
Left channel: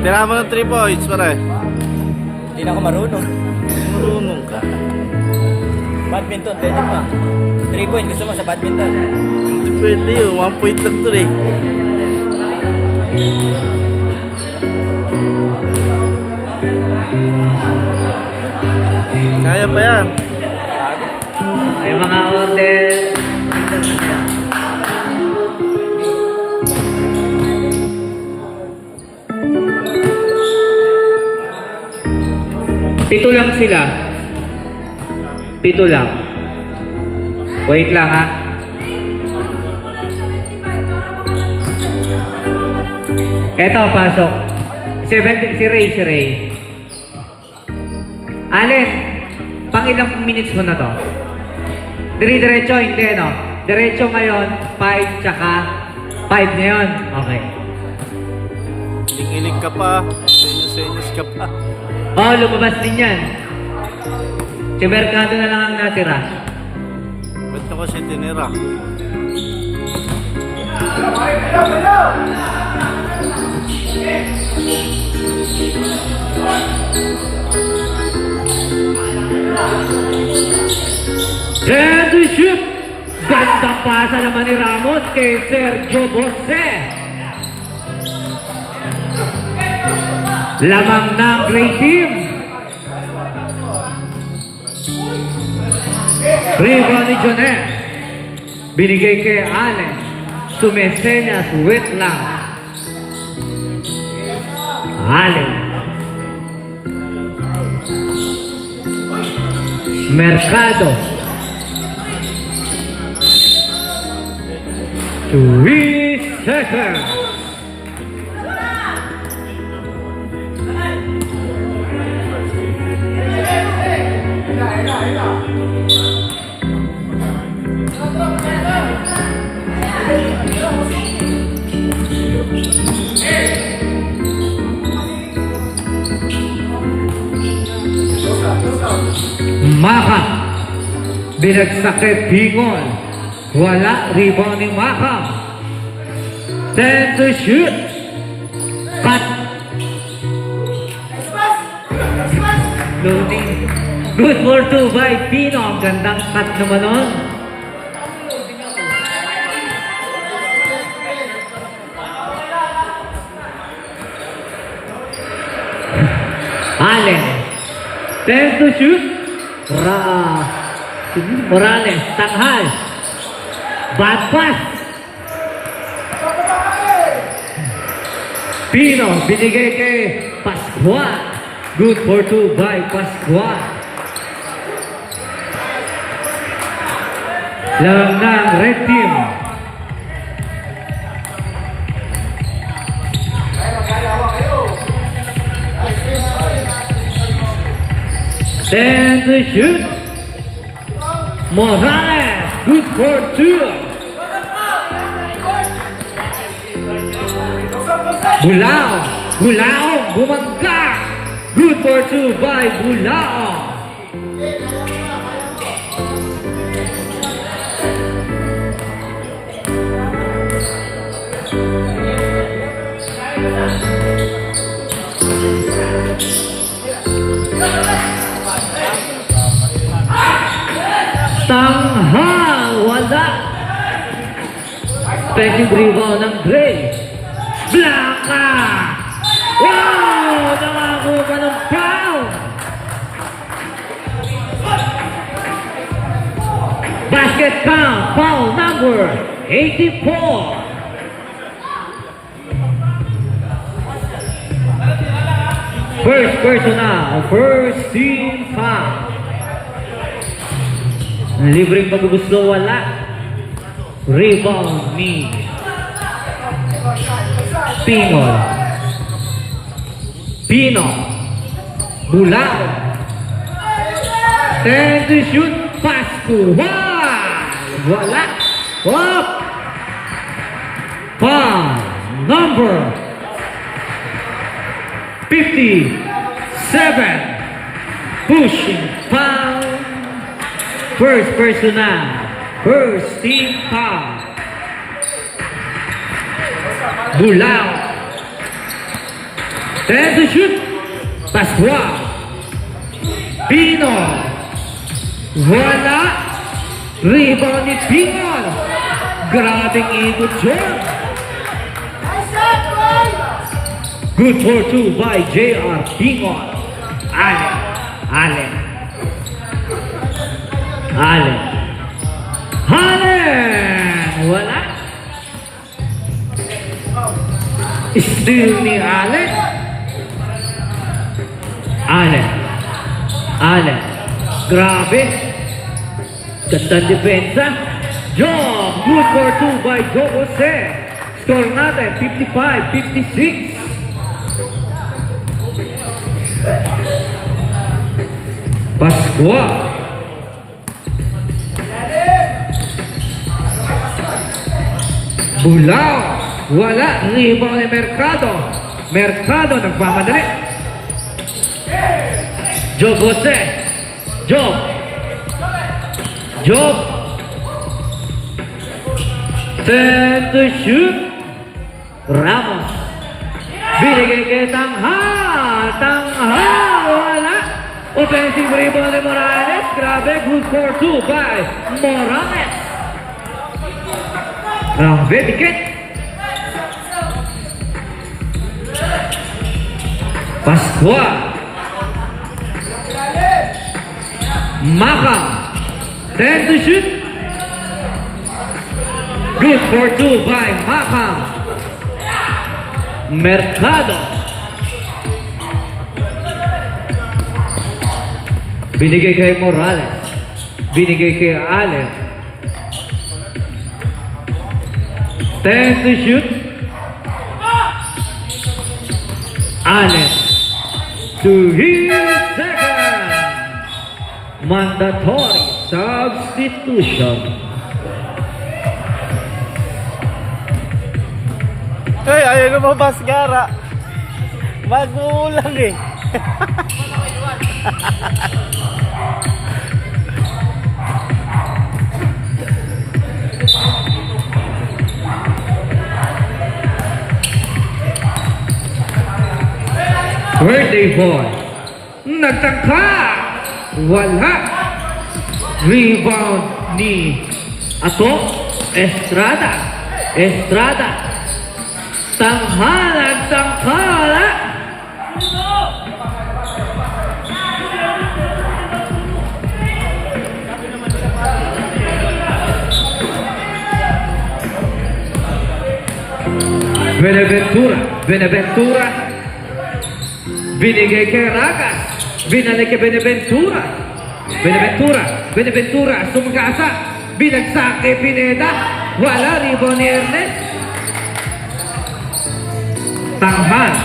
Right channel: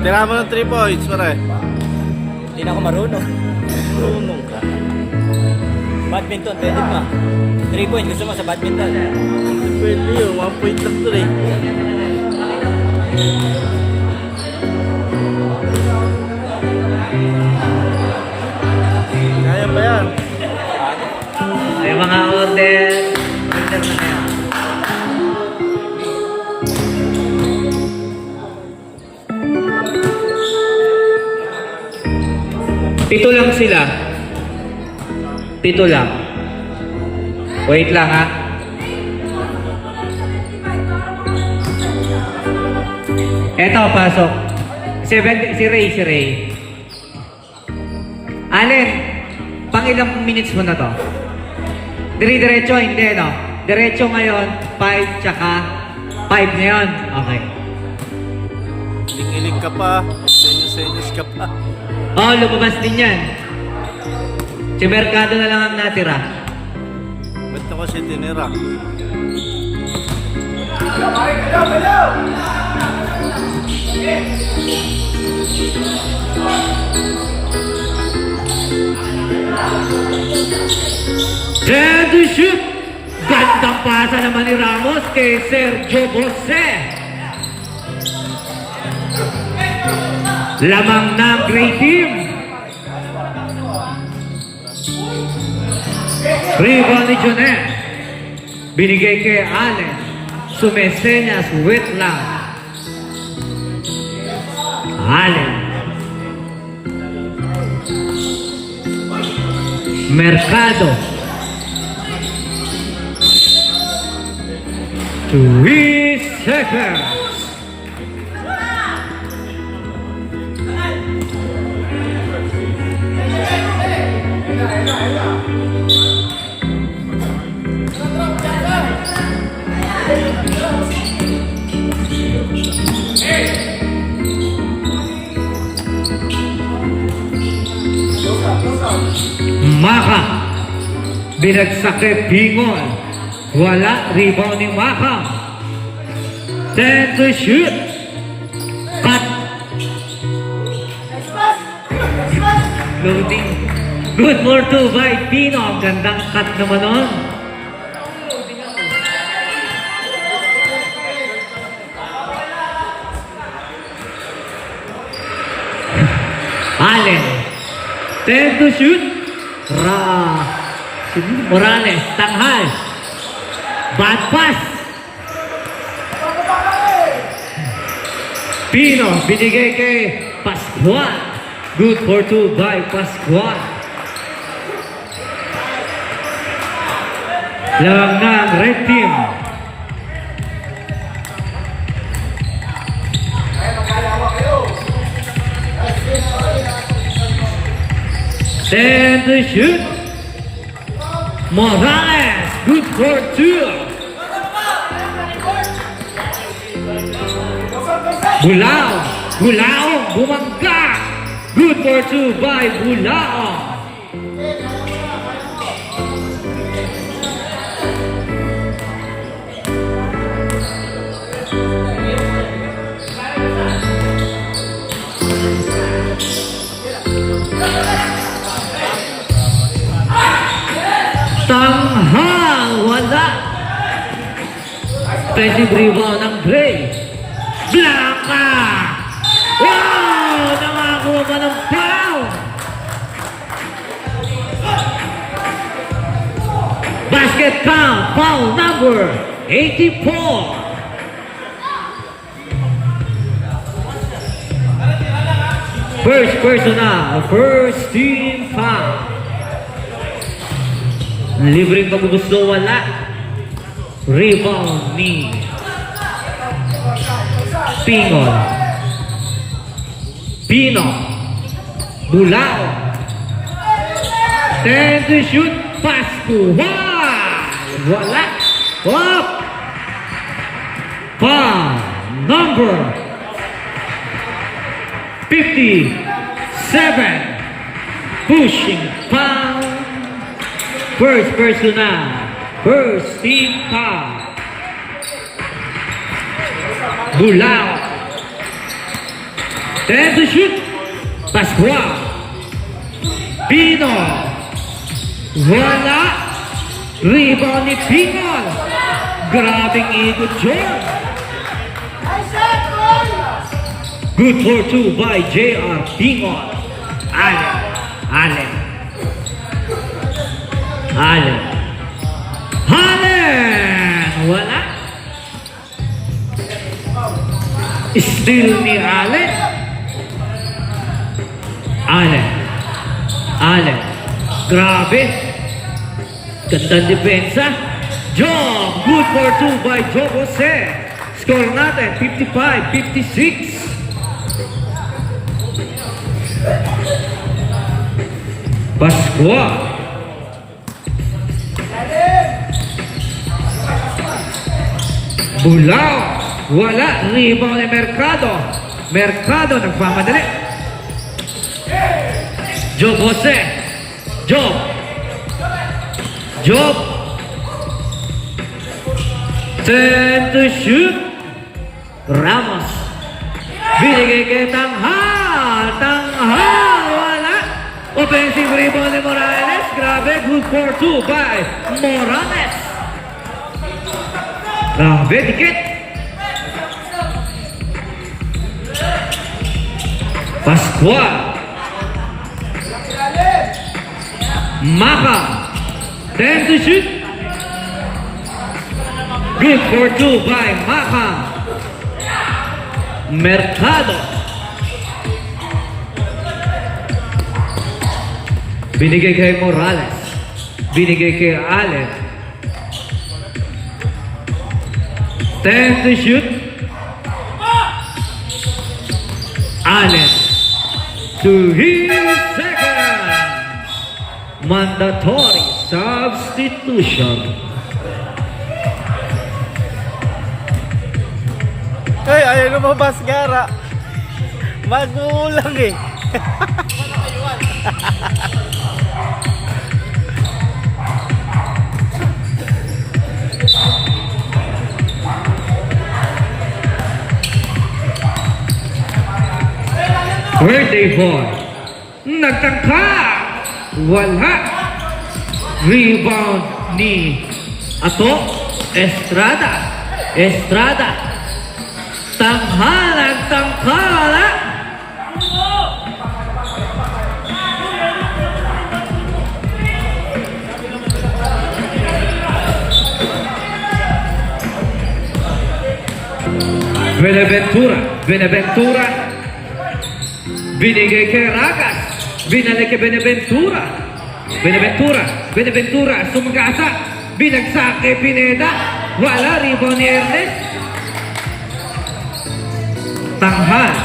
Tira mo ng 3 points, pare. Hindi na ako marunong. Marunong ka. Badminton, pwede pa. 3 points, gusto mo sa badminton? Hindi pwede yun. 1 point lang to eh. Kaya ba yan? Ay mga order. Pito lang sila. Pito lang. Wait lang ha. Eto, pasok. Si Ray. Alin, pang ilang minutes mo na to? Diretso, hindi no? Diretso ngayon, 5 tsaka 5 ngayon. Okay. Iling-iling ka pa. Senyos ka pa. Oh, lumabas din yan. Si Mercado na lang ang natira. Ba't ako siya tinira? Try to shoot! Gandang pasa naman ni Ramos kay Sergio Jose. Lamang ng Gray Team. Rebound ni Jonet. Binigay kay Allen. Sumesenyas, wait lang. Allen. Mercado. 3 seconds. Maka. Binagsak kay Pingon. Wala, rebound ni Maka. 10 to shoot. Cut. Loading. Good for 2 by Pino. Gandang cut naman nun. Allen. 10 to shoot. Morales, tanghal. Bad pass. Pino, binigay kay Pascual. Good for 2 by Pascual. Lang ng red team. Then the shoot. Morales, good for 2. Bulao, bumangga. Good for 2 by Bulao. Tanghal, wala. Defensive rebound ng Gray. Blanca! Wow! Nakakuha ka ng foul! Basket count, foul number 84. First personal, first team foul. Libreng paggugusto, wala. Rebound ni Pino. Bulao. 10 to shoot. Pass to wala. Up. Foul number 57. Pushing foul. First personal. First team foul. Bulao. 10 to shoot. Pascual. Pino. Wala. Rebound ni Pino. Grabing ikot yun. Good for two by J.R. Pino. Allen. Wala. Steal ni Allen. Grabe. Gandang depensa. Job. Good for two by Joe Jose. Score natin 55-56. Pascual. Bulao. Wala. Rebound ni Mercado. Mercado nagmamadali. Job Jose. Job. 10 to shoot. Ramos. Binigay kay Tanghal. Wala. Offensive rebound ni Morales. Grabe. Good for two by Morales. Grabe. Dikit. Pascual. Maka. 10 to shoot. Good for two by Maka. Mercado. Binigay kay Morales. Binigay kay Allen. 10 to shoot. Allen. To his second. Mandatory substitution. Hey, ayaw lumabas gara. Magulang eh. Birthday boy. Nagtangka. Wala. Rebound ni Estrada. Tanghala. Beneventura. Binigay kay Ragas. Binalik kay Beneventura. Sumagasa. Binagsak kay Pineda. Wala. Rebound ni Ernest. Tanghal.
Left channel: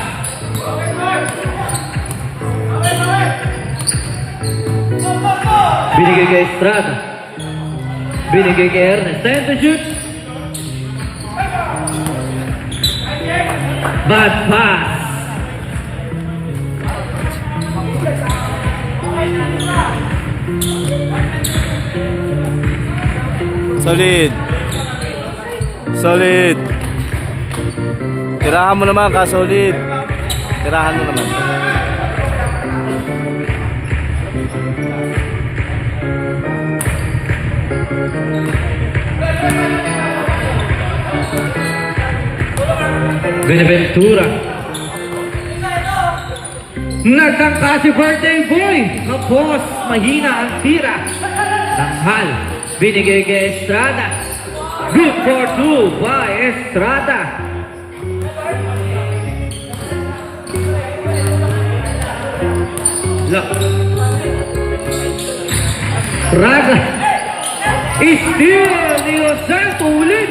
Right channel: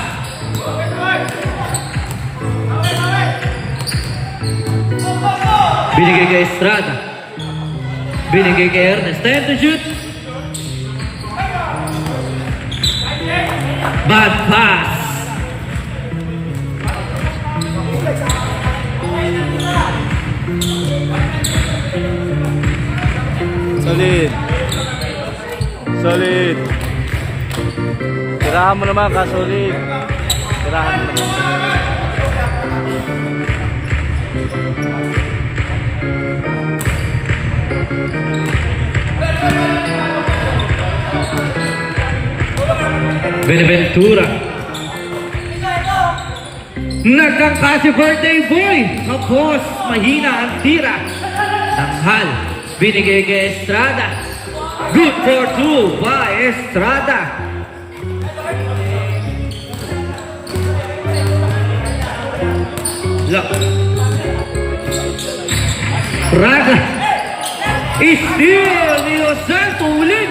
Binigay kay Estrada. Binigay kay Ernest. 10 to shoot. Bad pass. Solid. Tirahan mo naman ka, solid. Tirahan mo naman. Beneventura. Nagtangka si birthday boy. Tapos mahina ang tira. Tanghal. Binigay kay Estrada. Good for two by Estrada. Estrada. Steal ni Rosal. Tulin.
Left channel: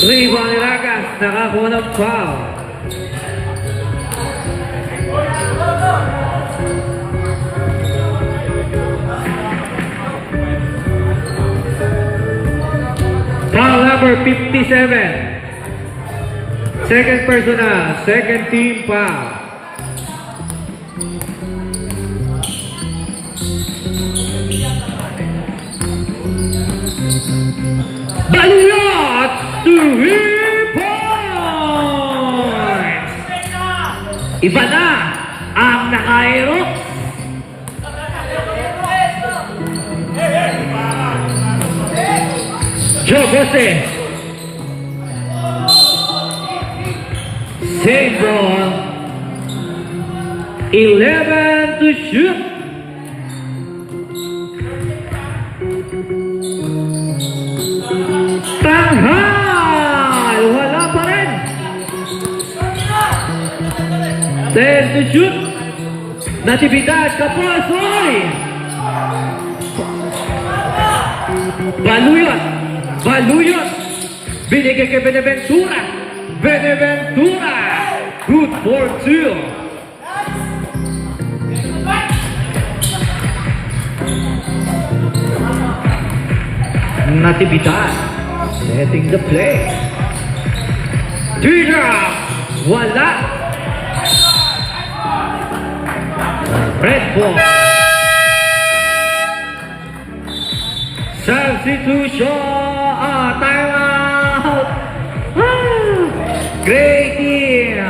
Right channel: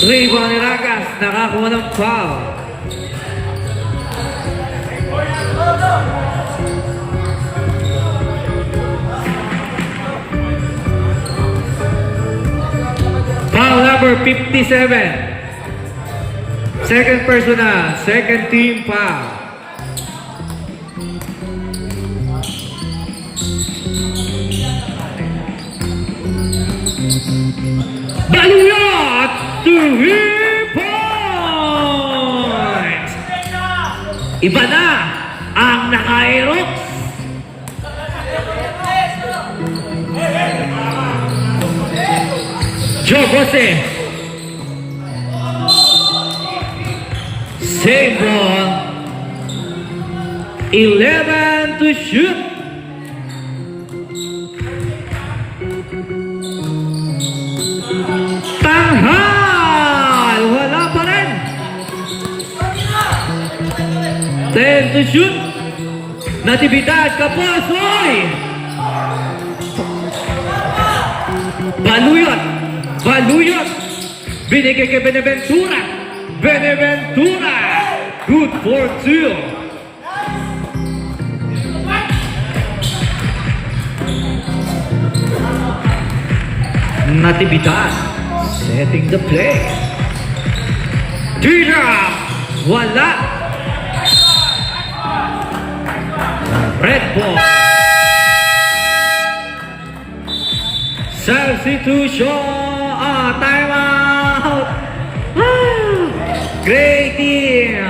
Rebound ni Ragas. Nakakuha ng foul. Foul number 57. Second personal. Second team foul. Iba na ang naka-aerox. Joe Jose. Same ball. 11 to shoot. Tanghal! Wala pa rin. 10 to shoot. Natividad Kapoy. Baluyot. Binigay kay Beneventura. Good for two. Natividad setting the play. Tira! Wala! Red ball. Substitution! Time out! Great team!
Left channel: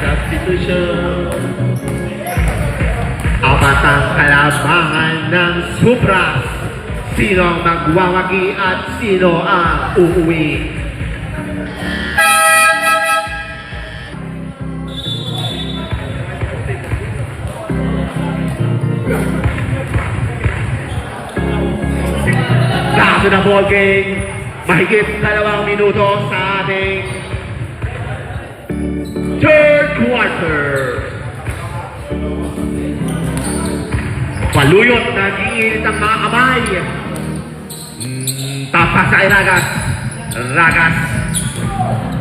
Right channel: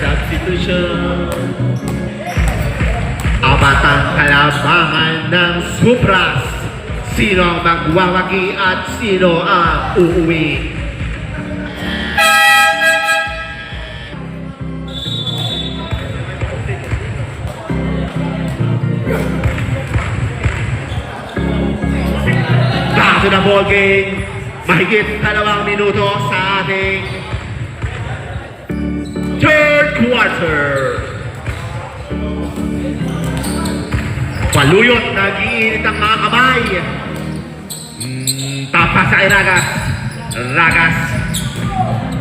Substitution. Apat ang kalabangan ng Supras. Sino ang magwawagi at sino ang uuwi? Kaso na ball game, mahigit 2 minuto sa ating third quarter. Paluyot, nag-iinit ang mga kamay. Tapas sa Ragas.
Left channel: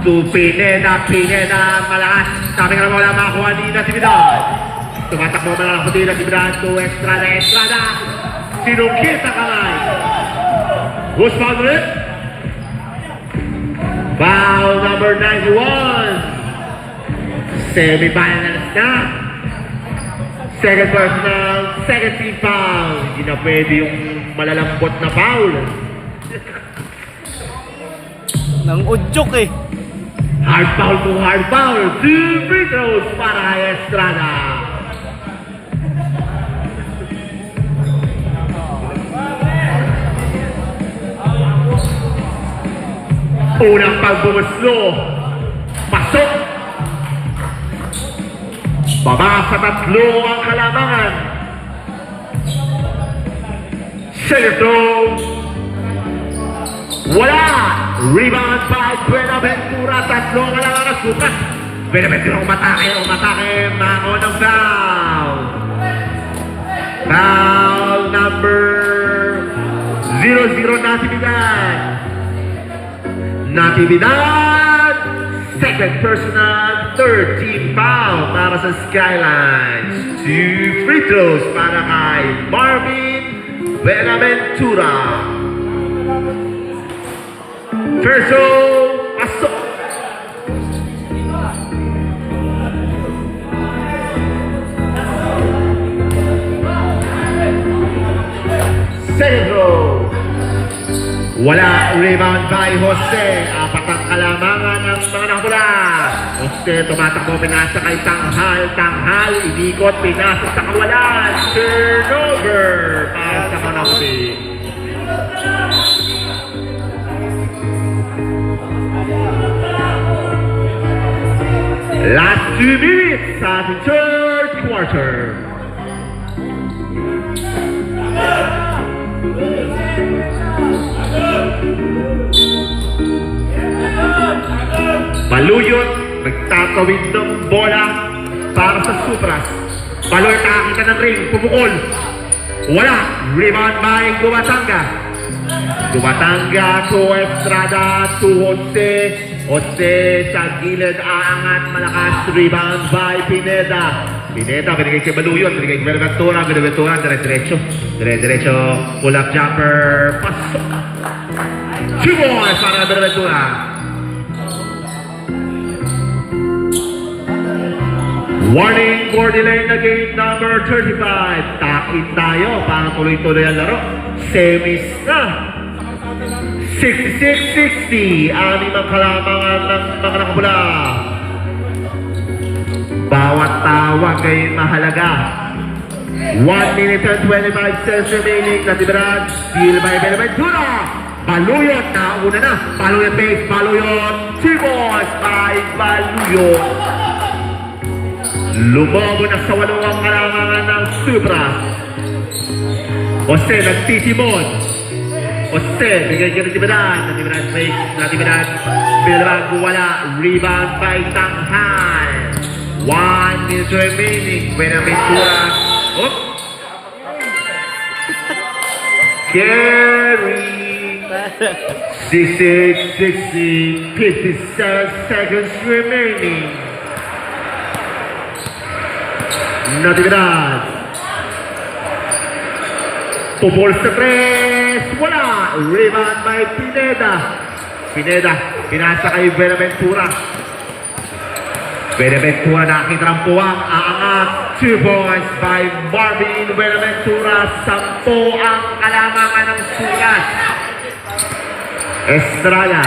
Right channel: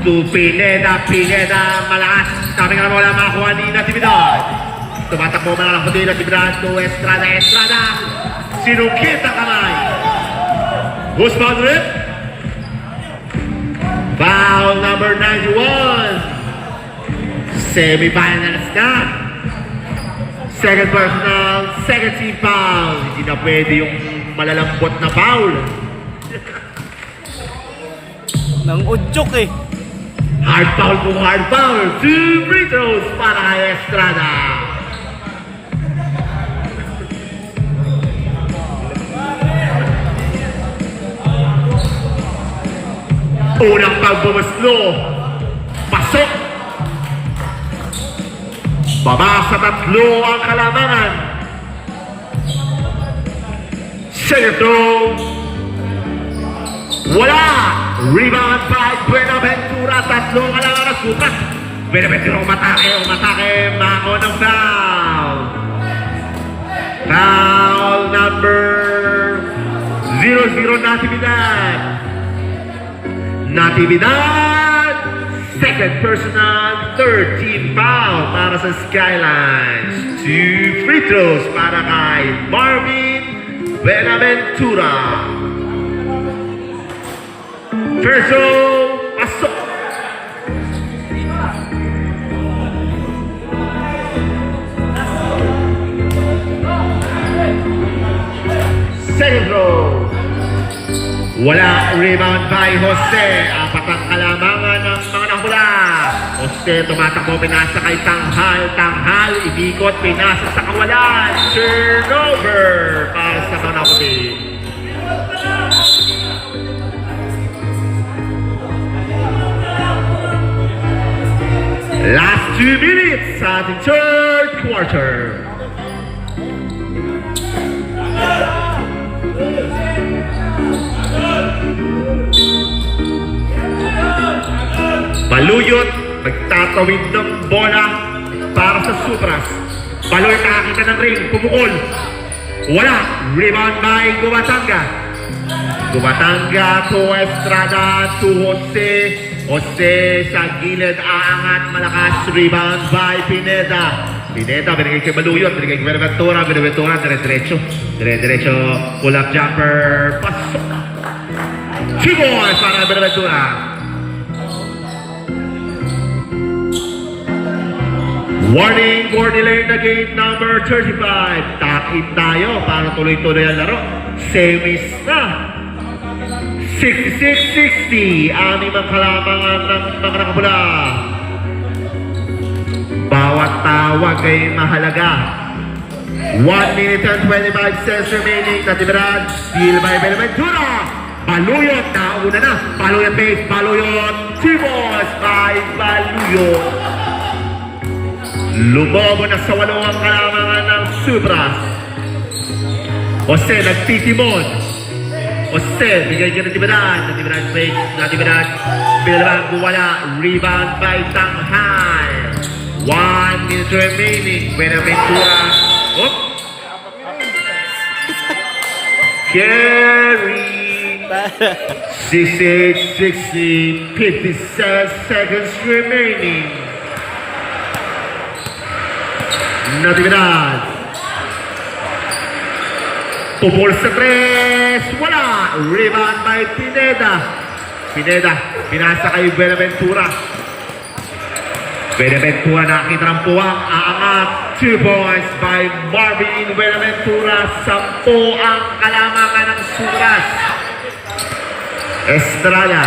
To Pineda, malakas. Sabi nga naman wala makakuha ni Natividad. Tumatakbo na lang po din Natividad to Estrada. Sinukit ang kamay. Who's foul ulit? Foul number 91. Semi-finals na. Second personal, second team foul. Hindi na pwede yung malalambot na foul. Nang udyok eh. Hard foul po, hard foul. 2 free throws para kay Estrada. Unang pagbumuslo. Pasok. Baba sa 3 ang kalamangan. Selito. Wala. Rebound by Buenaventura. 3 kalamangan na supat. Buenaventura umatake. Mango ng foul. Foul number 00 Natividad. Second personal, third team foul para sa Skylines. 2 free throws para kay Marvin Buenaventura. First row, pasok. Second row. Wala, rebound by Jose. 4 ang kalamangan ng mga nakula. Jose tumatakbo, pinasa kay Tanghal. Inikot, pinasa sa kawalan. Turnover para sa Manapti. Last 2 minutes sa ating third quarter. Baluyot, nagtatawid ng bola para sa Supras. Baluyot nakakita ng ring, pumukol. Wala, rebound by Dumatanga to Estrada, to Jose. Jose sa gilid, aangat, malakas, rebound by Pineda, binigay kay Baluyot, binigay kay Beneventura, diretso, pull-up jumper, pasok. Chiboy para Beneventura. Warning for delay na game number 35. Takit tayo para tuloy-tuloy ang laro. semis na. 66-60 ang limang kalamangan ng mga nakabula. Bawat tawag ay mahalaga. 1 minute and 25 seconds remaining. Natibiran, steal by Benaventura. Baluyot, nauna na. Baluyot base, Baluyot. Chibos by Baluyot. Lumobo na sa walong ang kalamangan ng Supras. Jose nagtitimon. Jose, bigay ka Natibiran. Natibiran breaks, Natibiran. Bilang wala, rebound by Tanghal. 1 minute remaining. Benaventura. Oh. Carry. 68-60. 57 seconds remaining. Natividad. Pupul sa tres. Wala. Rebound by Pineda. Pineda. Pinasa kay Benaventura. Benaventura nakitrampuang aangat. 2 points by Marvin Benaventura. 10 ang kalamangan ng Suras. Estrada.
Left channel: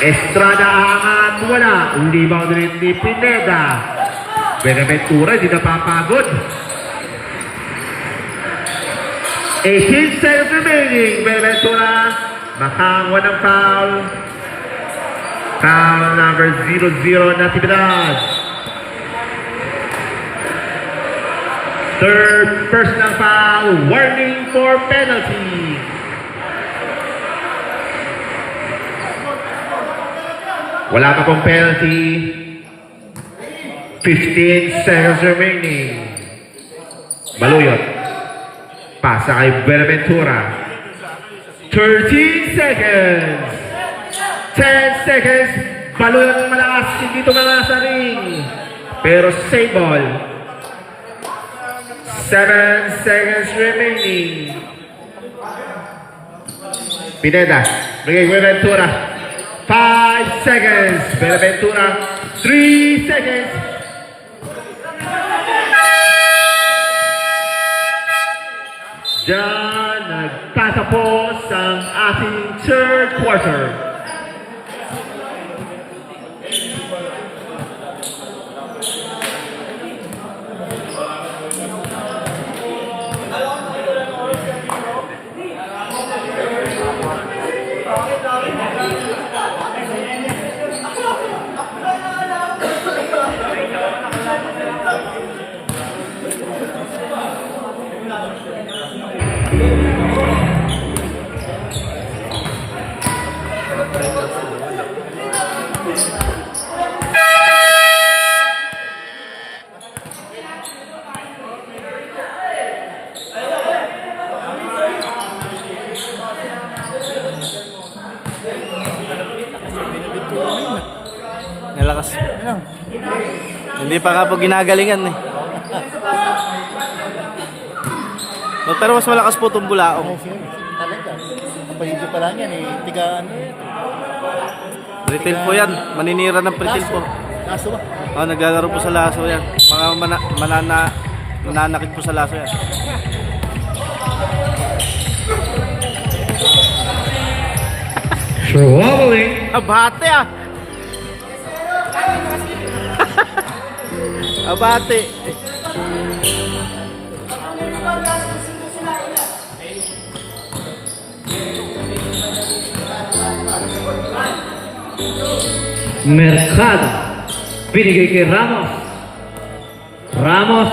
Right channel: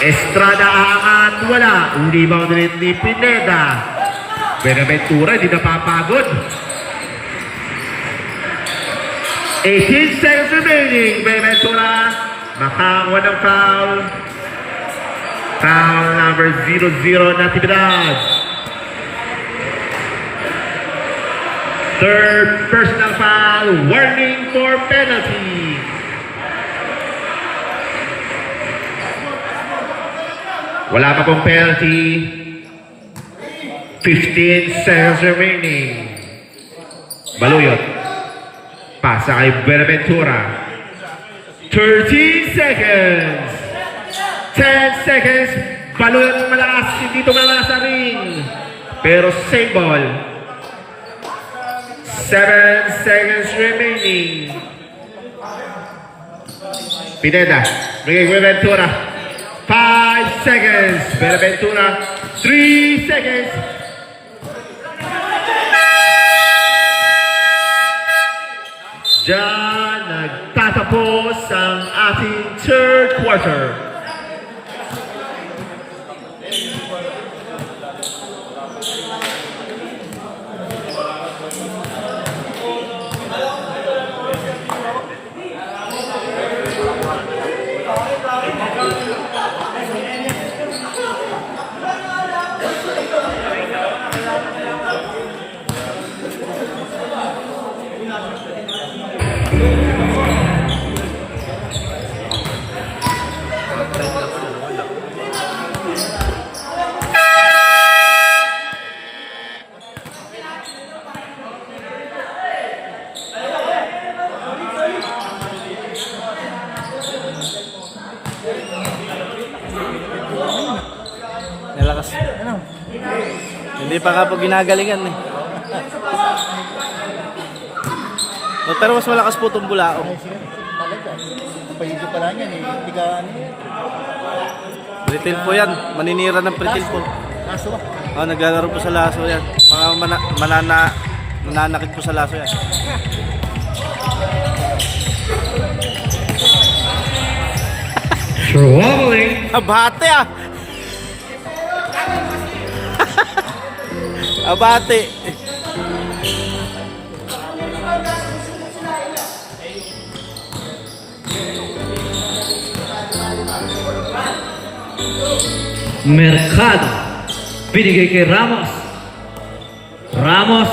Estrada aangat. Wala. Rebound rin ni Pineda. Benaventura hindi napapagod. 18 seconds remaining. Benaventura makakuha ng foul. Foul number 00 Natividad. Third personal foul. Warning for penalty. Wala pa pong penalty. 15 seconds remaining. Baluyot. Pasa kay Benaventura. 13 seconds. 10 seconds. Baluyot malakas. Hindi ito malakas sa ring. Pero save ball. 7 seconds remaining. Pineda. Bigay Benaventura. 5 seconds. Benaventura. 3 seconds. Diyan nagtatapos ang ating third quarter. Nalakas. Hindi pa ka po ginagalingan eh. Pero mas malakas po itong Bulao. Kapayugi pa lang yan eh. Hindi ka ano. Pretil po yan. Maninira ng pretil po. Kaso ba? Oh, naglalaro po sa laso yan. Mga mananakit po sa laso yan. Rolling. Abate ah! Abate! Mercado. Binigay kay Ramos. Ramos.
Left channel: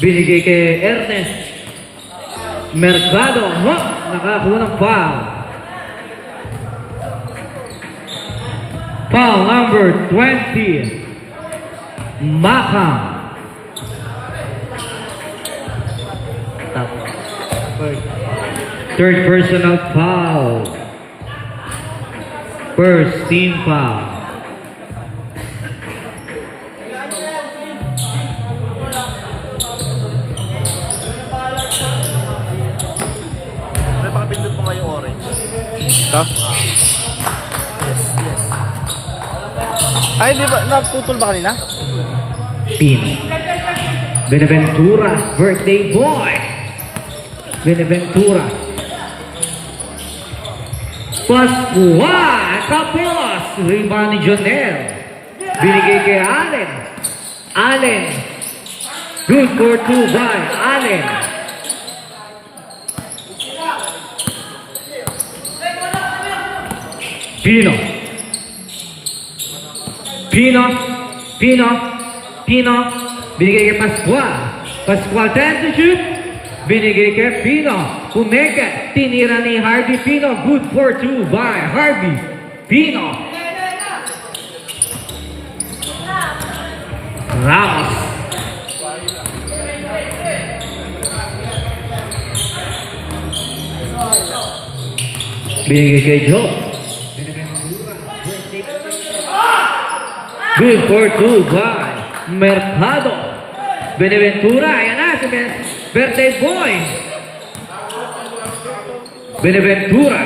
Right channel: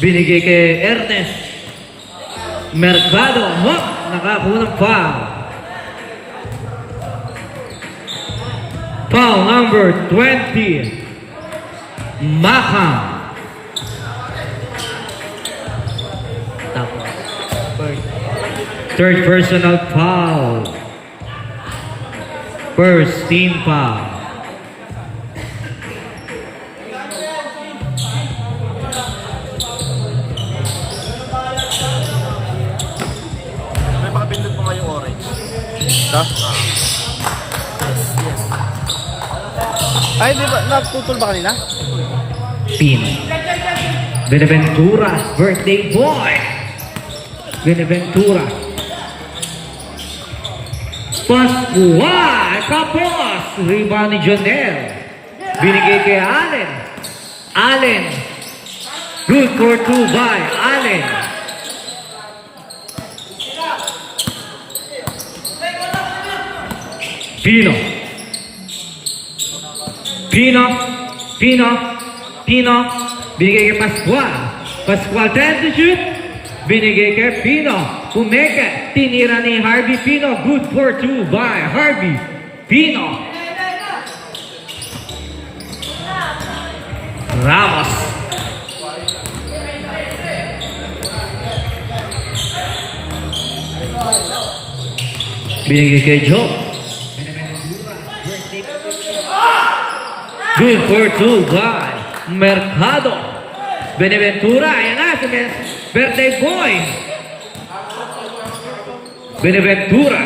Binigay kay Ernest. Mercado. Nakakuha ng foul. Foul number 20. Maka. Third personal foul. First team foul. Ito? Ay, di ba? Naputol ba kanina? Pin. Benaventura, birthday boy. Benaventura. Pascual. Tapos, rebound ni Jonel. Binigay kay Allen. Allen. Good for 2 by Allen. Pino. Pino. Pino. Pino. Binigay kay Pascual. Pascual 10 to shoot. Binigay kay Pino. Pumeke. Tinira ni Harvey Pino. Good for 2 by Harvey Pino. Ramos. Binigay kay Joe. Good for 2 by Mercado. Benaventura, ayan na si birthday boy. Benaventura.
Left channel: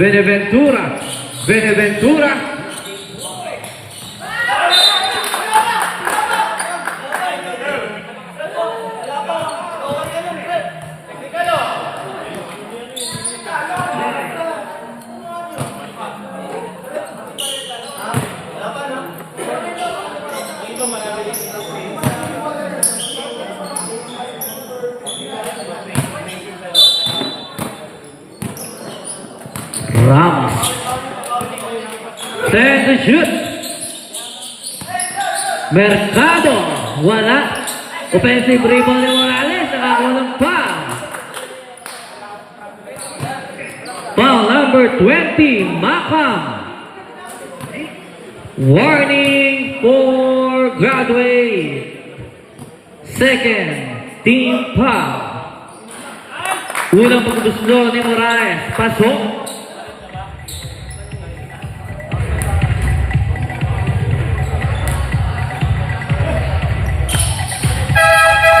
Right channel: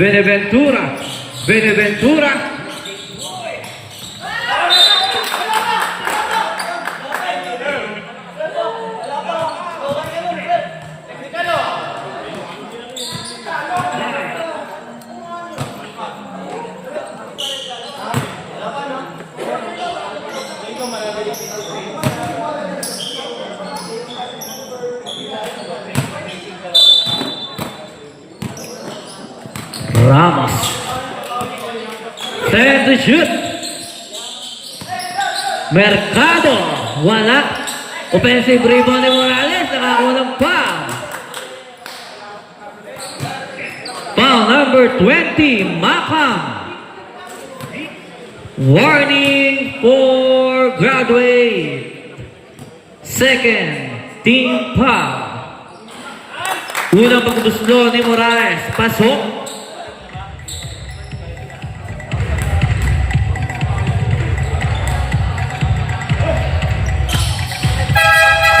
Benaventura. Benaventura. Ramos. 10 to shoot. Mercado. Wala. Offensive rebound ni Morales. Nakakuha ng foul. Foul number 20, Macam. Warning for graduate. Second team foul. Unang pagduslo ni Morales. Pasok.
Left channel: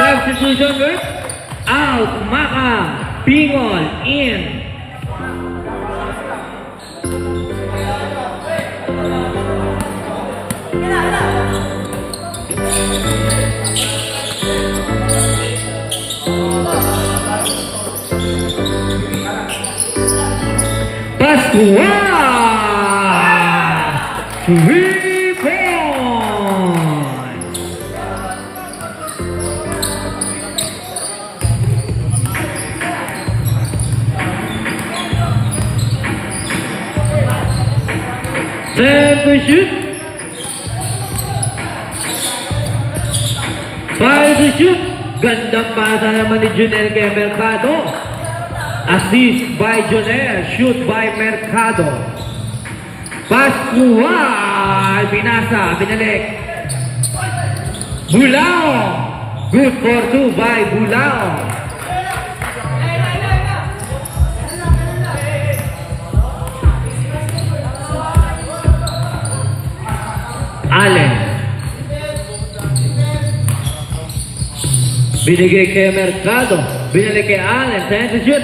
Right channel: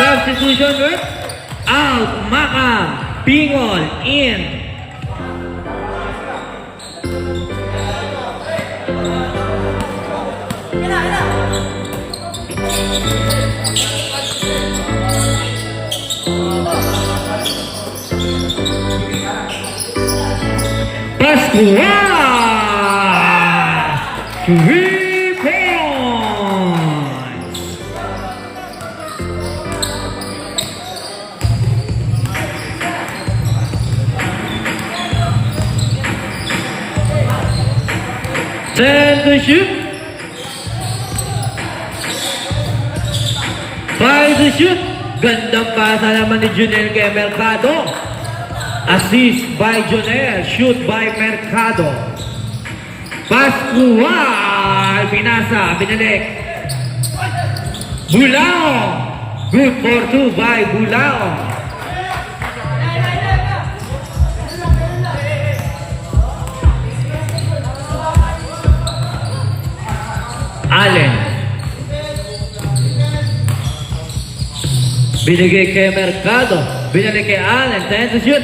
Substitution with out. Macam. Pingon in. Pascual! 3 points! Ten to shoot. 5 to shoot. Gandang pasa naman ni Junel kay Mercado. Assist by Jonel, shoot by Mercado. Pascual, binasa, binalik. Bulao, good for 2 by Bulao. Allen. Binigay kay Mercado, binalik kay Allen, 10 to shoot.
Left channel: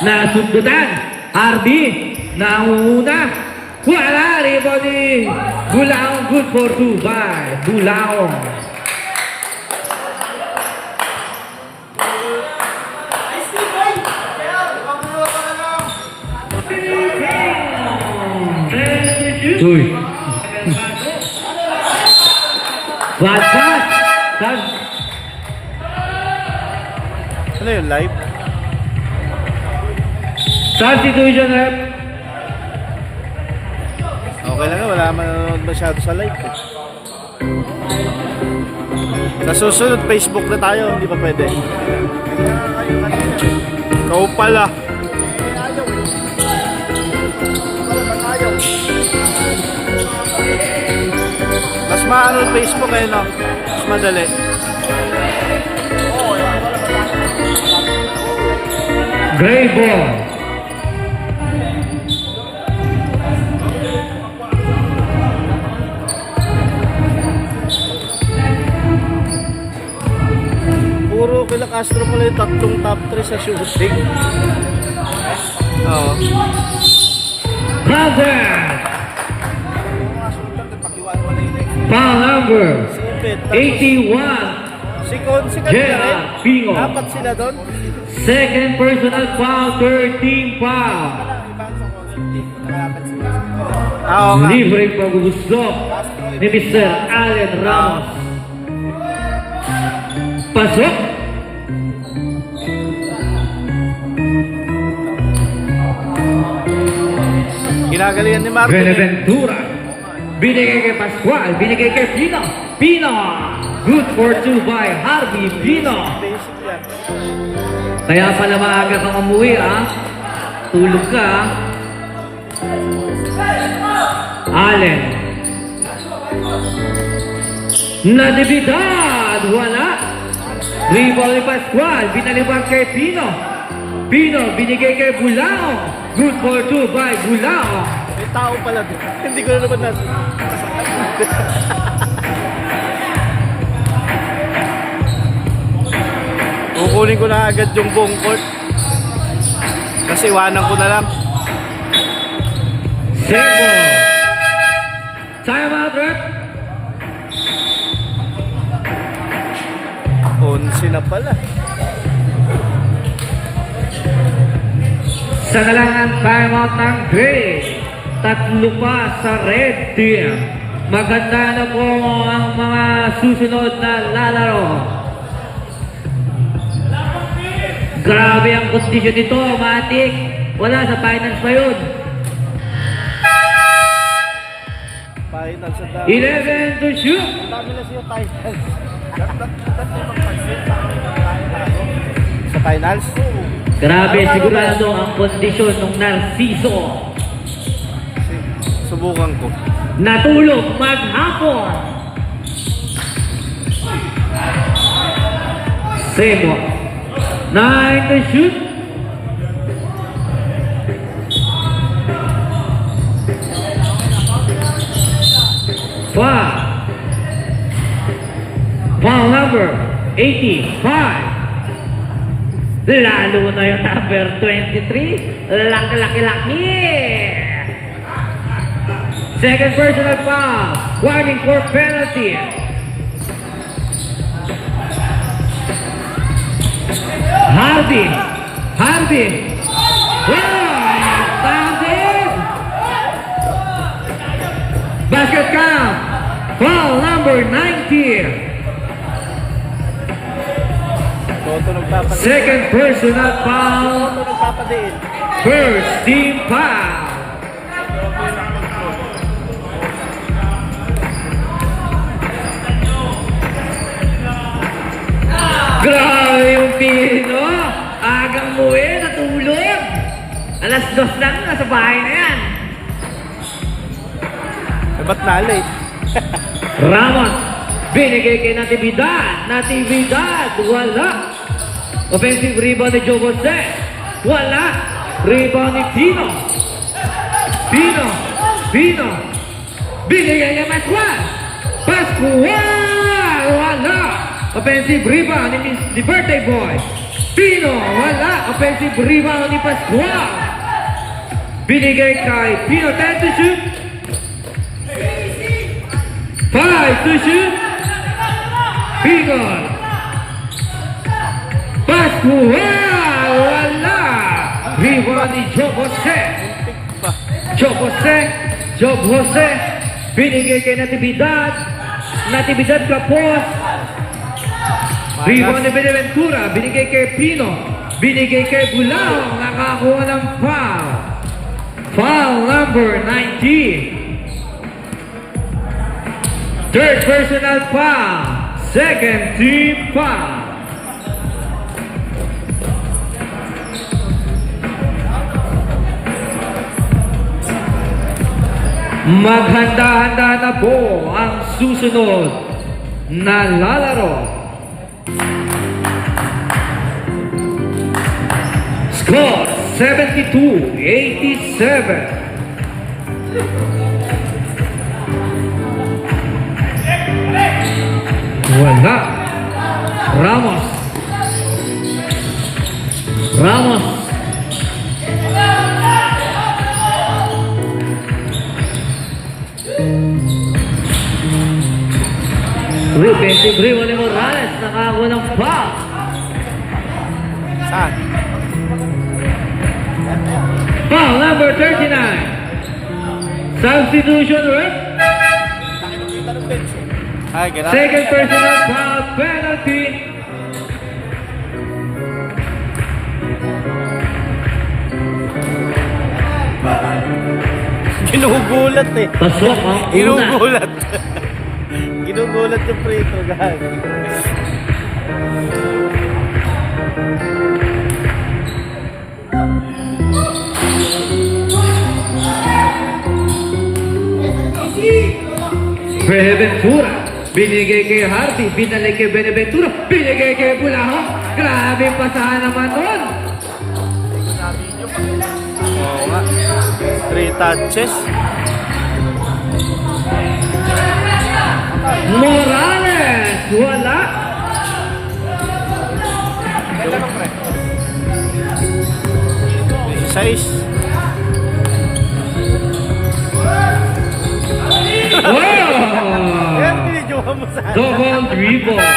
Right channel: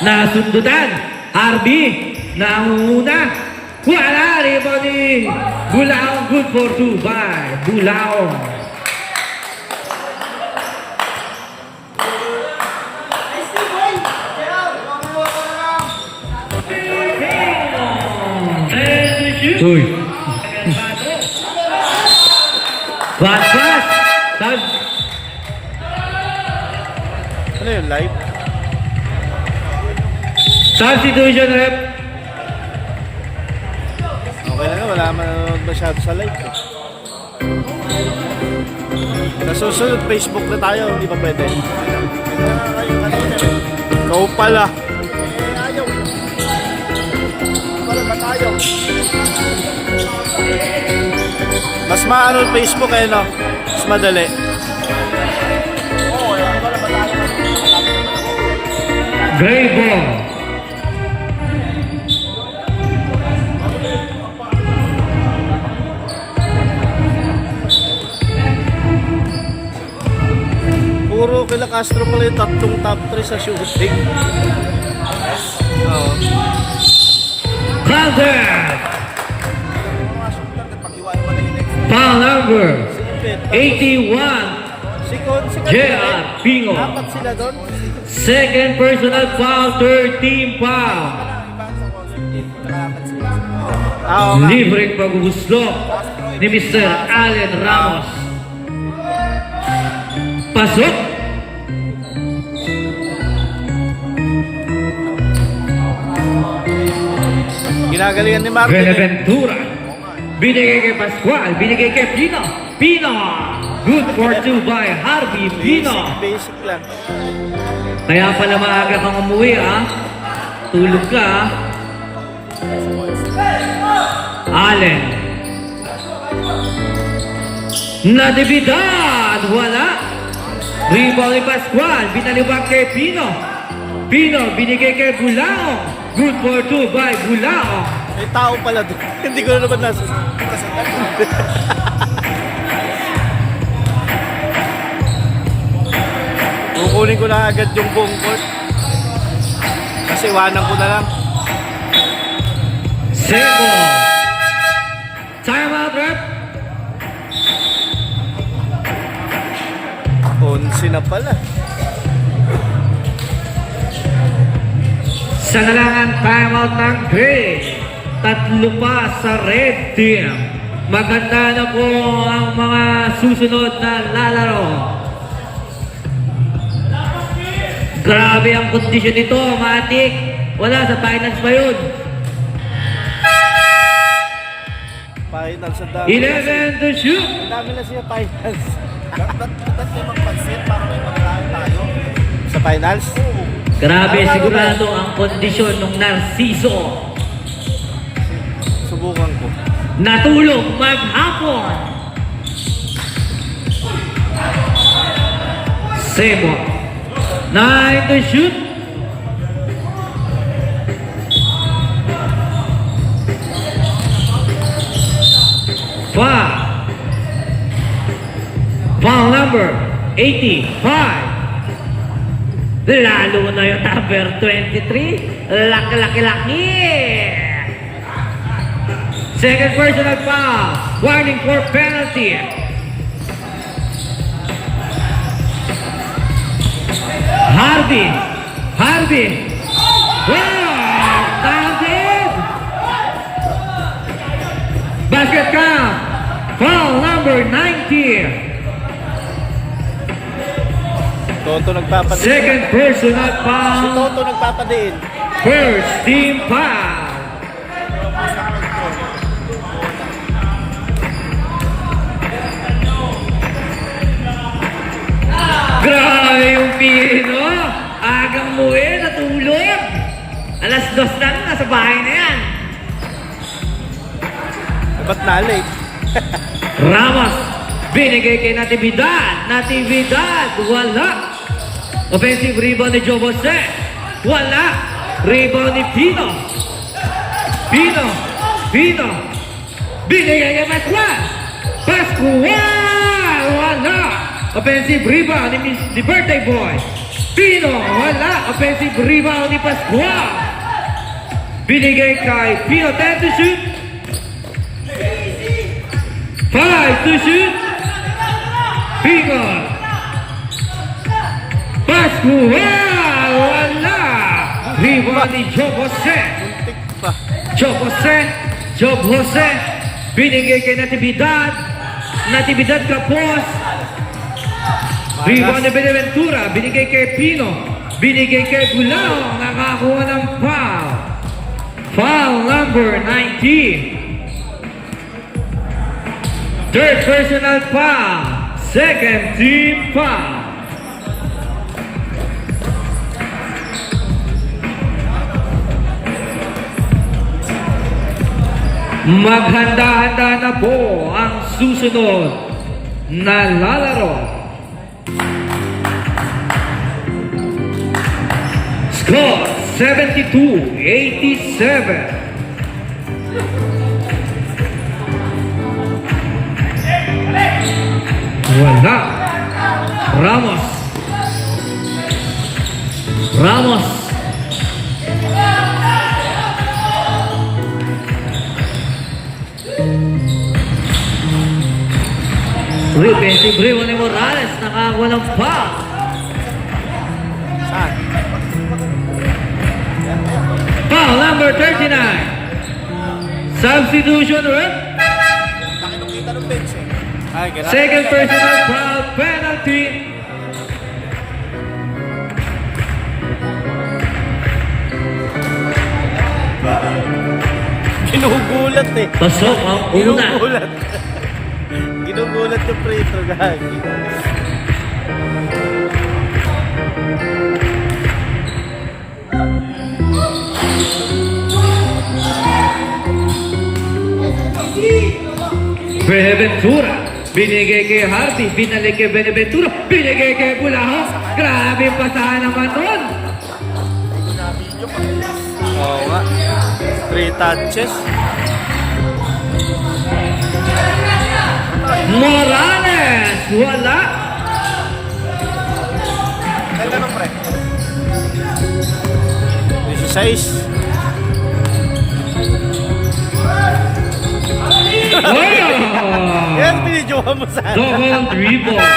Nasundutan, Harvey, nauna, wala, rebound ni Bulaong, good for 2 by Bulaong. Uy. One shot. Ano yun, live? Substitution rep. Okay lang yun, wala man nanonood masyado sa live. Sa susunod, Facebook na tayo, hindi pa pwede. Ikaw pala. Mas maano yung Facebook eh, no? Mas madali. Gray ball. Puro kila Castro pala yung tatlong top 3 sa shooting. Oo. Counter. Foul number 81. Si J.R. Pingo. Apat sila doon. Second personal foul, third team foul. Libreng paggugusto ni Mr. Allen Ramos. Pasok. Ginagalingan ni Martin. Benaventura. Binigay kay Pascual. Binigay kay Pino. Pino. Good for two by Harvey Pino. Basic lang. Kaya pala maaga kang umuwi, ah. Tulog ka, ah. Allen. Natividad. Wala. Rebound ni Pascual. Binalibang kay Pino. Pino. Binigay kay Bulao. Good for two by Bulao. May tao pala doon. Hindi ko na naman nasa. Kukunin ko na agad yung buong court. Kasi iwanan ko na lang. Sebo. Time out, rep. 11 na pala. Sa ngalangan time out ng Gray. Tatlo pa sa red team. Maganda na po ang mga susunod na lalaro. Grabe ang kondisyon nito, Matik. Wala sa finals pa yun. Final sa dami. 11 to shoot. Dami na siya finals. Sa finals? Grabe sigurado ang kondisyon ng Narciso. Subukan ko. Natulog maghapon. Sebo. 9 to shoot. Foul number 85. Lalo na yung number 23. Laki-laki-laki. Second personal foul. Warning for penalty. Harvey. Wow! Tagog! Basket count. Foul number 90. Toto nagpapadiin. Second personal foul. Toto nagpapadiin. First team foul. Grabe yung Pino. Agang muwi, natulog. Alas 2 lang, nasa bahay na yan. Ba't na-late? Ramos, binigay kay Natividad. Natividad, wala. Offensive rebound ni Joe Jose. Wala. Rebound ni Pino. Pino. Binigay kay Pascual. Pascual, wala. Offensive rebound ni birthday boy. Pino, wala. Offensive rebound ni Pascual. Binigay kay Pino. 10 to shoot. 5 to shoot. Pino. Pascual, wala. Rebound ni Joe Jose. Joe Jose. Binigay kay Natividad. Natividad kapos. Rebound ni Benaventura, binigay kay Pino, binigay kay Bulao, nakakuha ng foul. Foul number 19. Third personal foul, second team foul. Maghanda-handa na po ang susunod na lalaro. Score 72-87. Wala. Ramos. Defensive rebound ni Morales, nakakuha ng foul. Saan? Substitution, right? Nakikita ng bench. Ay, gano'n. Second personal foul penalty. Ginugulat eh. Pasok ang una. Ginugulat. Ginugulat yung free throw, gagi. Beneventura. Binigay kay Hardy. Binalik kay Beneventura. Binigay kay Bulaho. Grabe yung pasahan naman nun. Oo nga. 3 touches. Morales. Wala. Size. Yan, Oh! binidyohan mo sa Double rebound.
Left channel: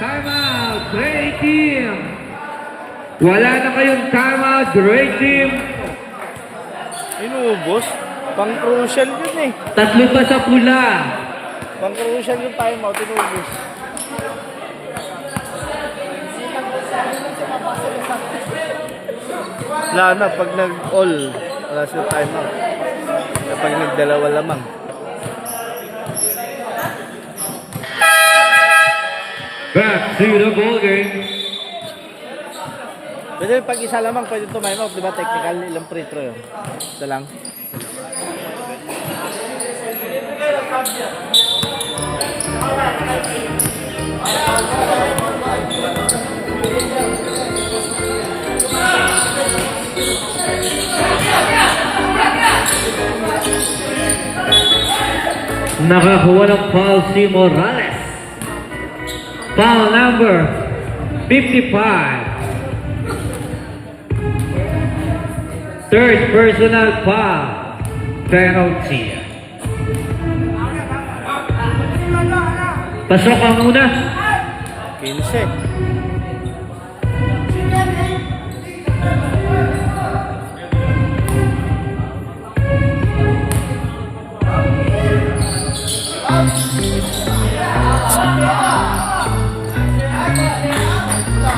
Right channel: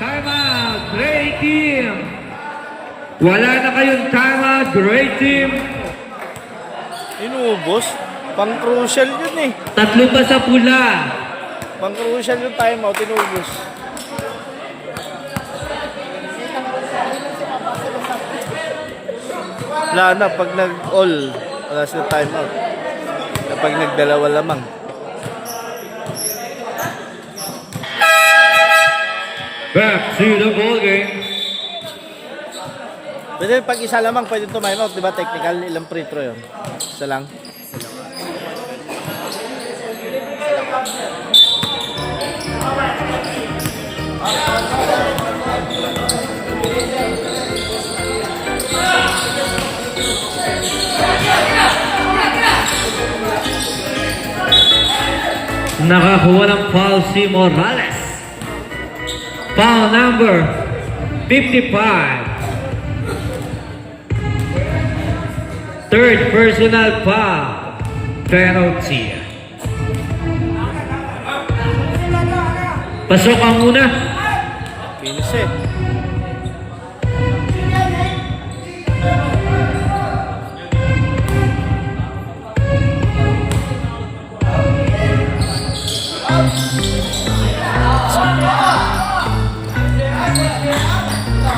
Timeout, Gray Team. Wala na kayong timeout, Gray Team. Inubos. Pang crucial yun eh. Tatlo pa sa pula. Pang crucial yung timeout, inubos. Wala na, pag nag-all, wala sila timeout. Kapag nagdalawa lamang. Back to the ball game. Pwede pag isa lamang, pwede tumimeout, di ba? Technical, ilang free throw yun? Isa lang. Nakakuha ng foul si Morales. Foul number 55. Third personal foul penalty. Pasok ang una. Finish eh.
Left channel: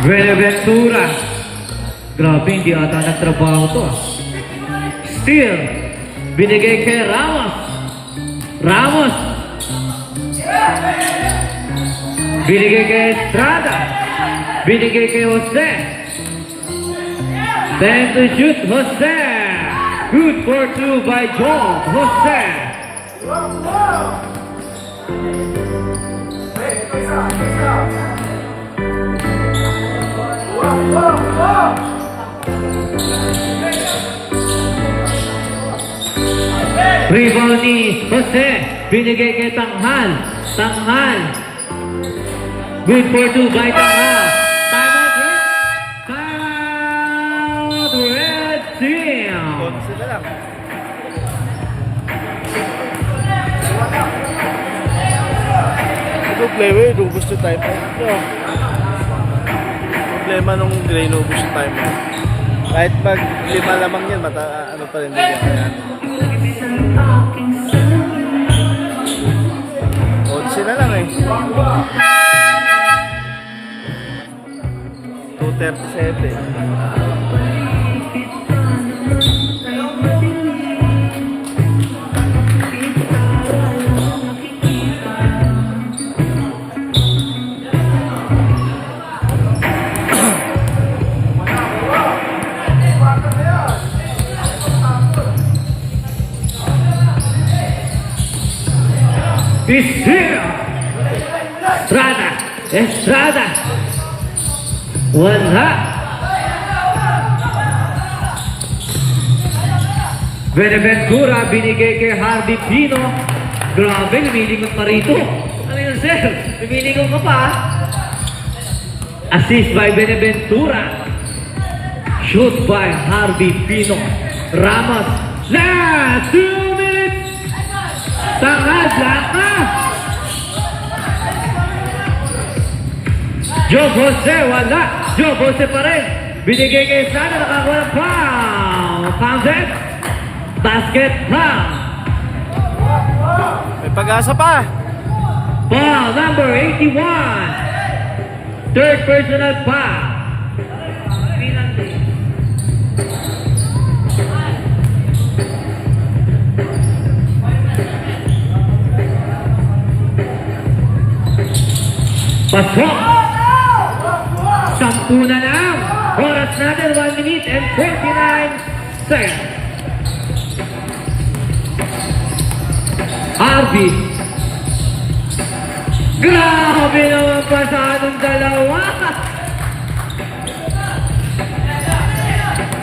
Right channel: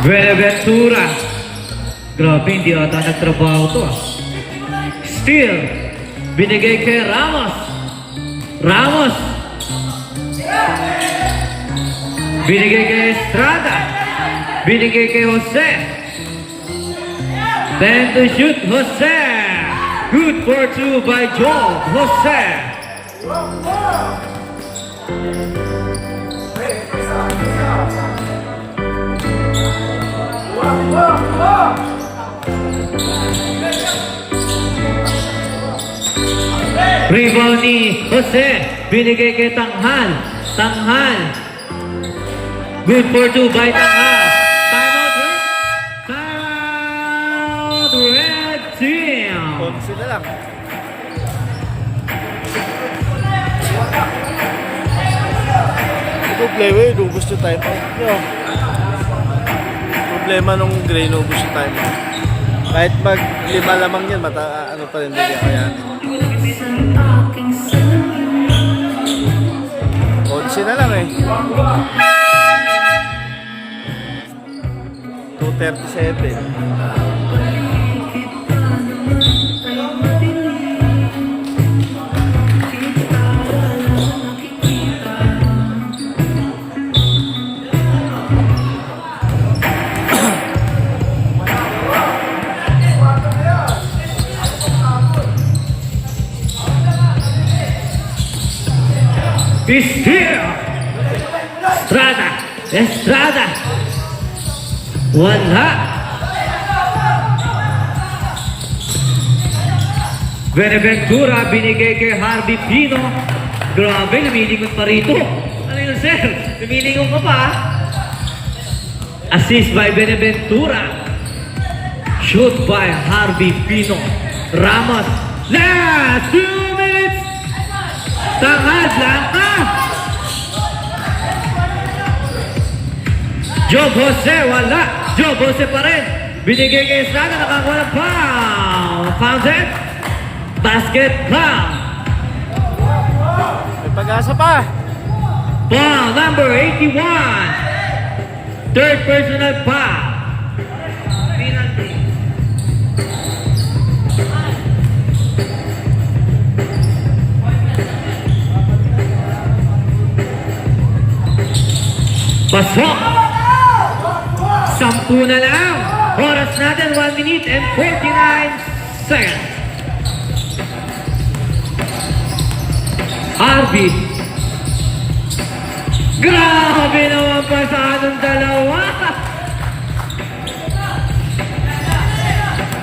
Beneventura. Grabe, hindi ata nagtrabaho to. Steal. Binigay kay Ramos. Ramos. Binigay kay Estrada. Binigay kay Jose. Then to shoot, Jose. Good for two by Joel. Jose. Rebound ni Jose. Binigay kay Tanghal. Tanghal. Good for two by Tanghal. Timeout, Red. Timeout, Red Team. Konsi na lang. Ito play way, lubos yung timeout. Yo. Problema nung Gray, lubos yung timeout. Kahit mag 5 lamang yan, ano pa rin bigyan kaya. Konsi na lang eh. 2:37. Is here. Estrada. Estrada. Wala. Beneventura binigay kay Hardy Pino. Grabe, lumilingon pa rito. Ano yun, sir? Lumilingon ka pa. Assist by Beneventura. Shoot by Hardy Pino. Ramos. Last 2 minutes. Tangad lang ka. Joe Jose, wala. Joe Jose pa rin. Binigay kay Sana, nakakuha ng foul. Foul set. Basket foul. May pag-asa pa. Foul number 81. Third personal foul. Penalty. Pasok. 10 na lang. Oras natin 1 minute and 29 seconds. Arvid. Grabe naman pa sa anong dalawa.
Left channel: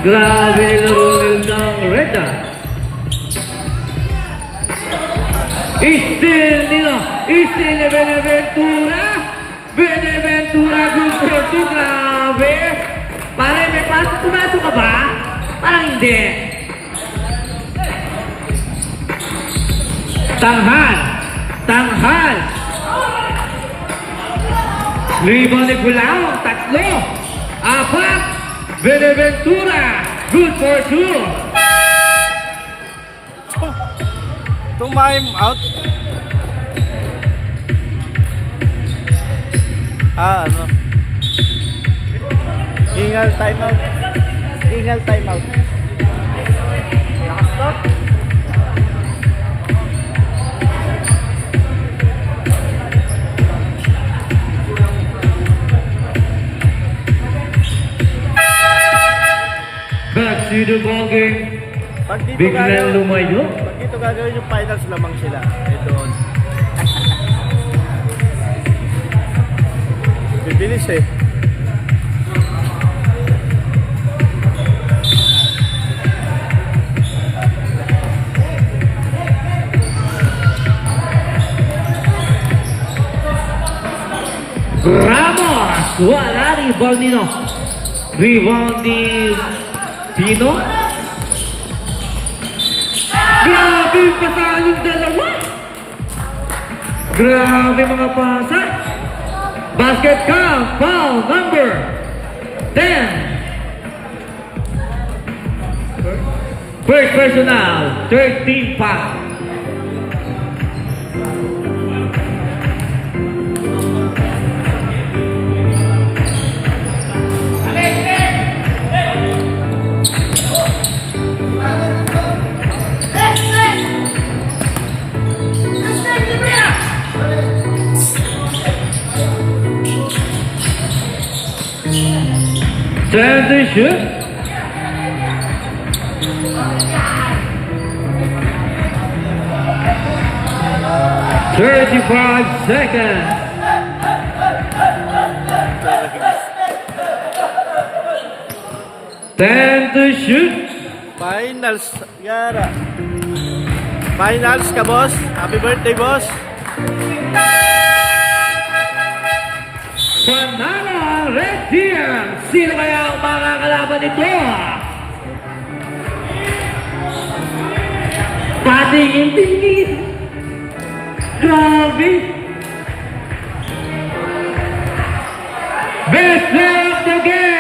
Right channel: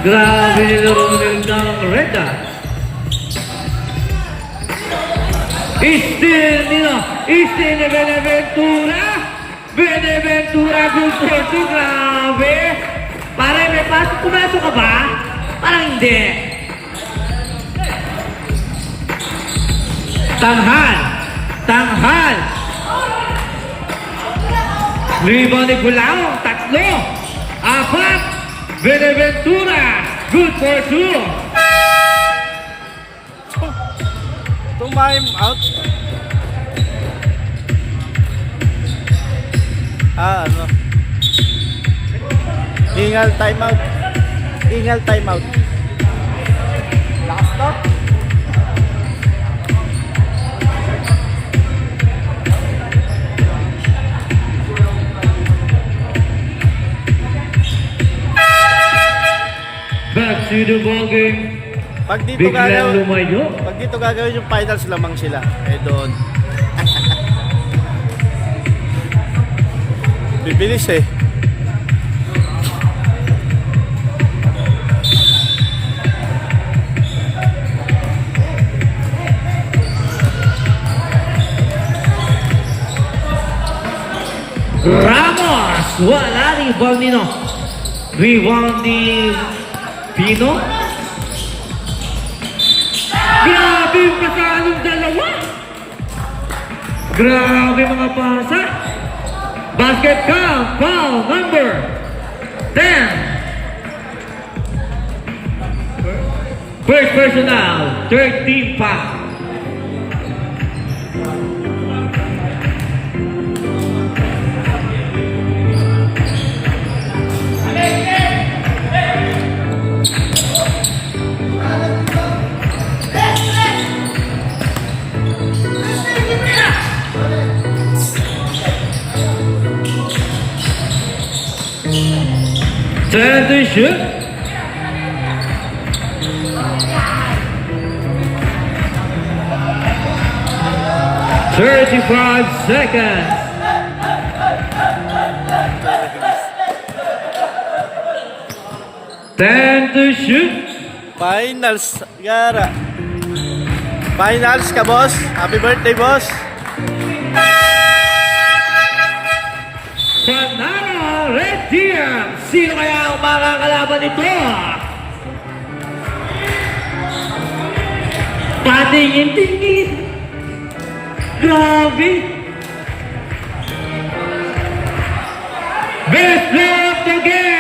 Grabe nilunil ng Reda. Istil nila. Istil na Beneventura. Beneventura gusto ito. Grabe. Pare, may pumasok ka ba? Parang hindi. Tanghal. Rebound ni Gulang, 3, 4, Beneventura, good for 2. Time out. Ano? Ingal time out. Back to the ball game. Pag dito Biglang lumayo. Pag dito gagawin yung finals lamang sila. Doon. Bibilis eh. Ramos, wala ni Balnino. Rebound ni Pino. Grabe yung pasalong dalawa. Grabe mga pasa. Basket foul number 10. First personal, 13 foul. Time to shoot. "35 seconds." Time to shoot. Finals, Gara. Finals ka, boss. Happy birthday, boss. Panalo ang Red Team. Sino kaya ang mga kalaban nito? Tatingin-tingin. Grabe. Best player of the game.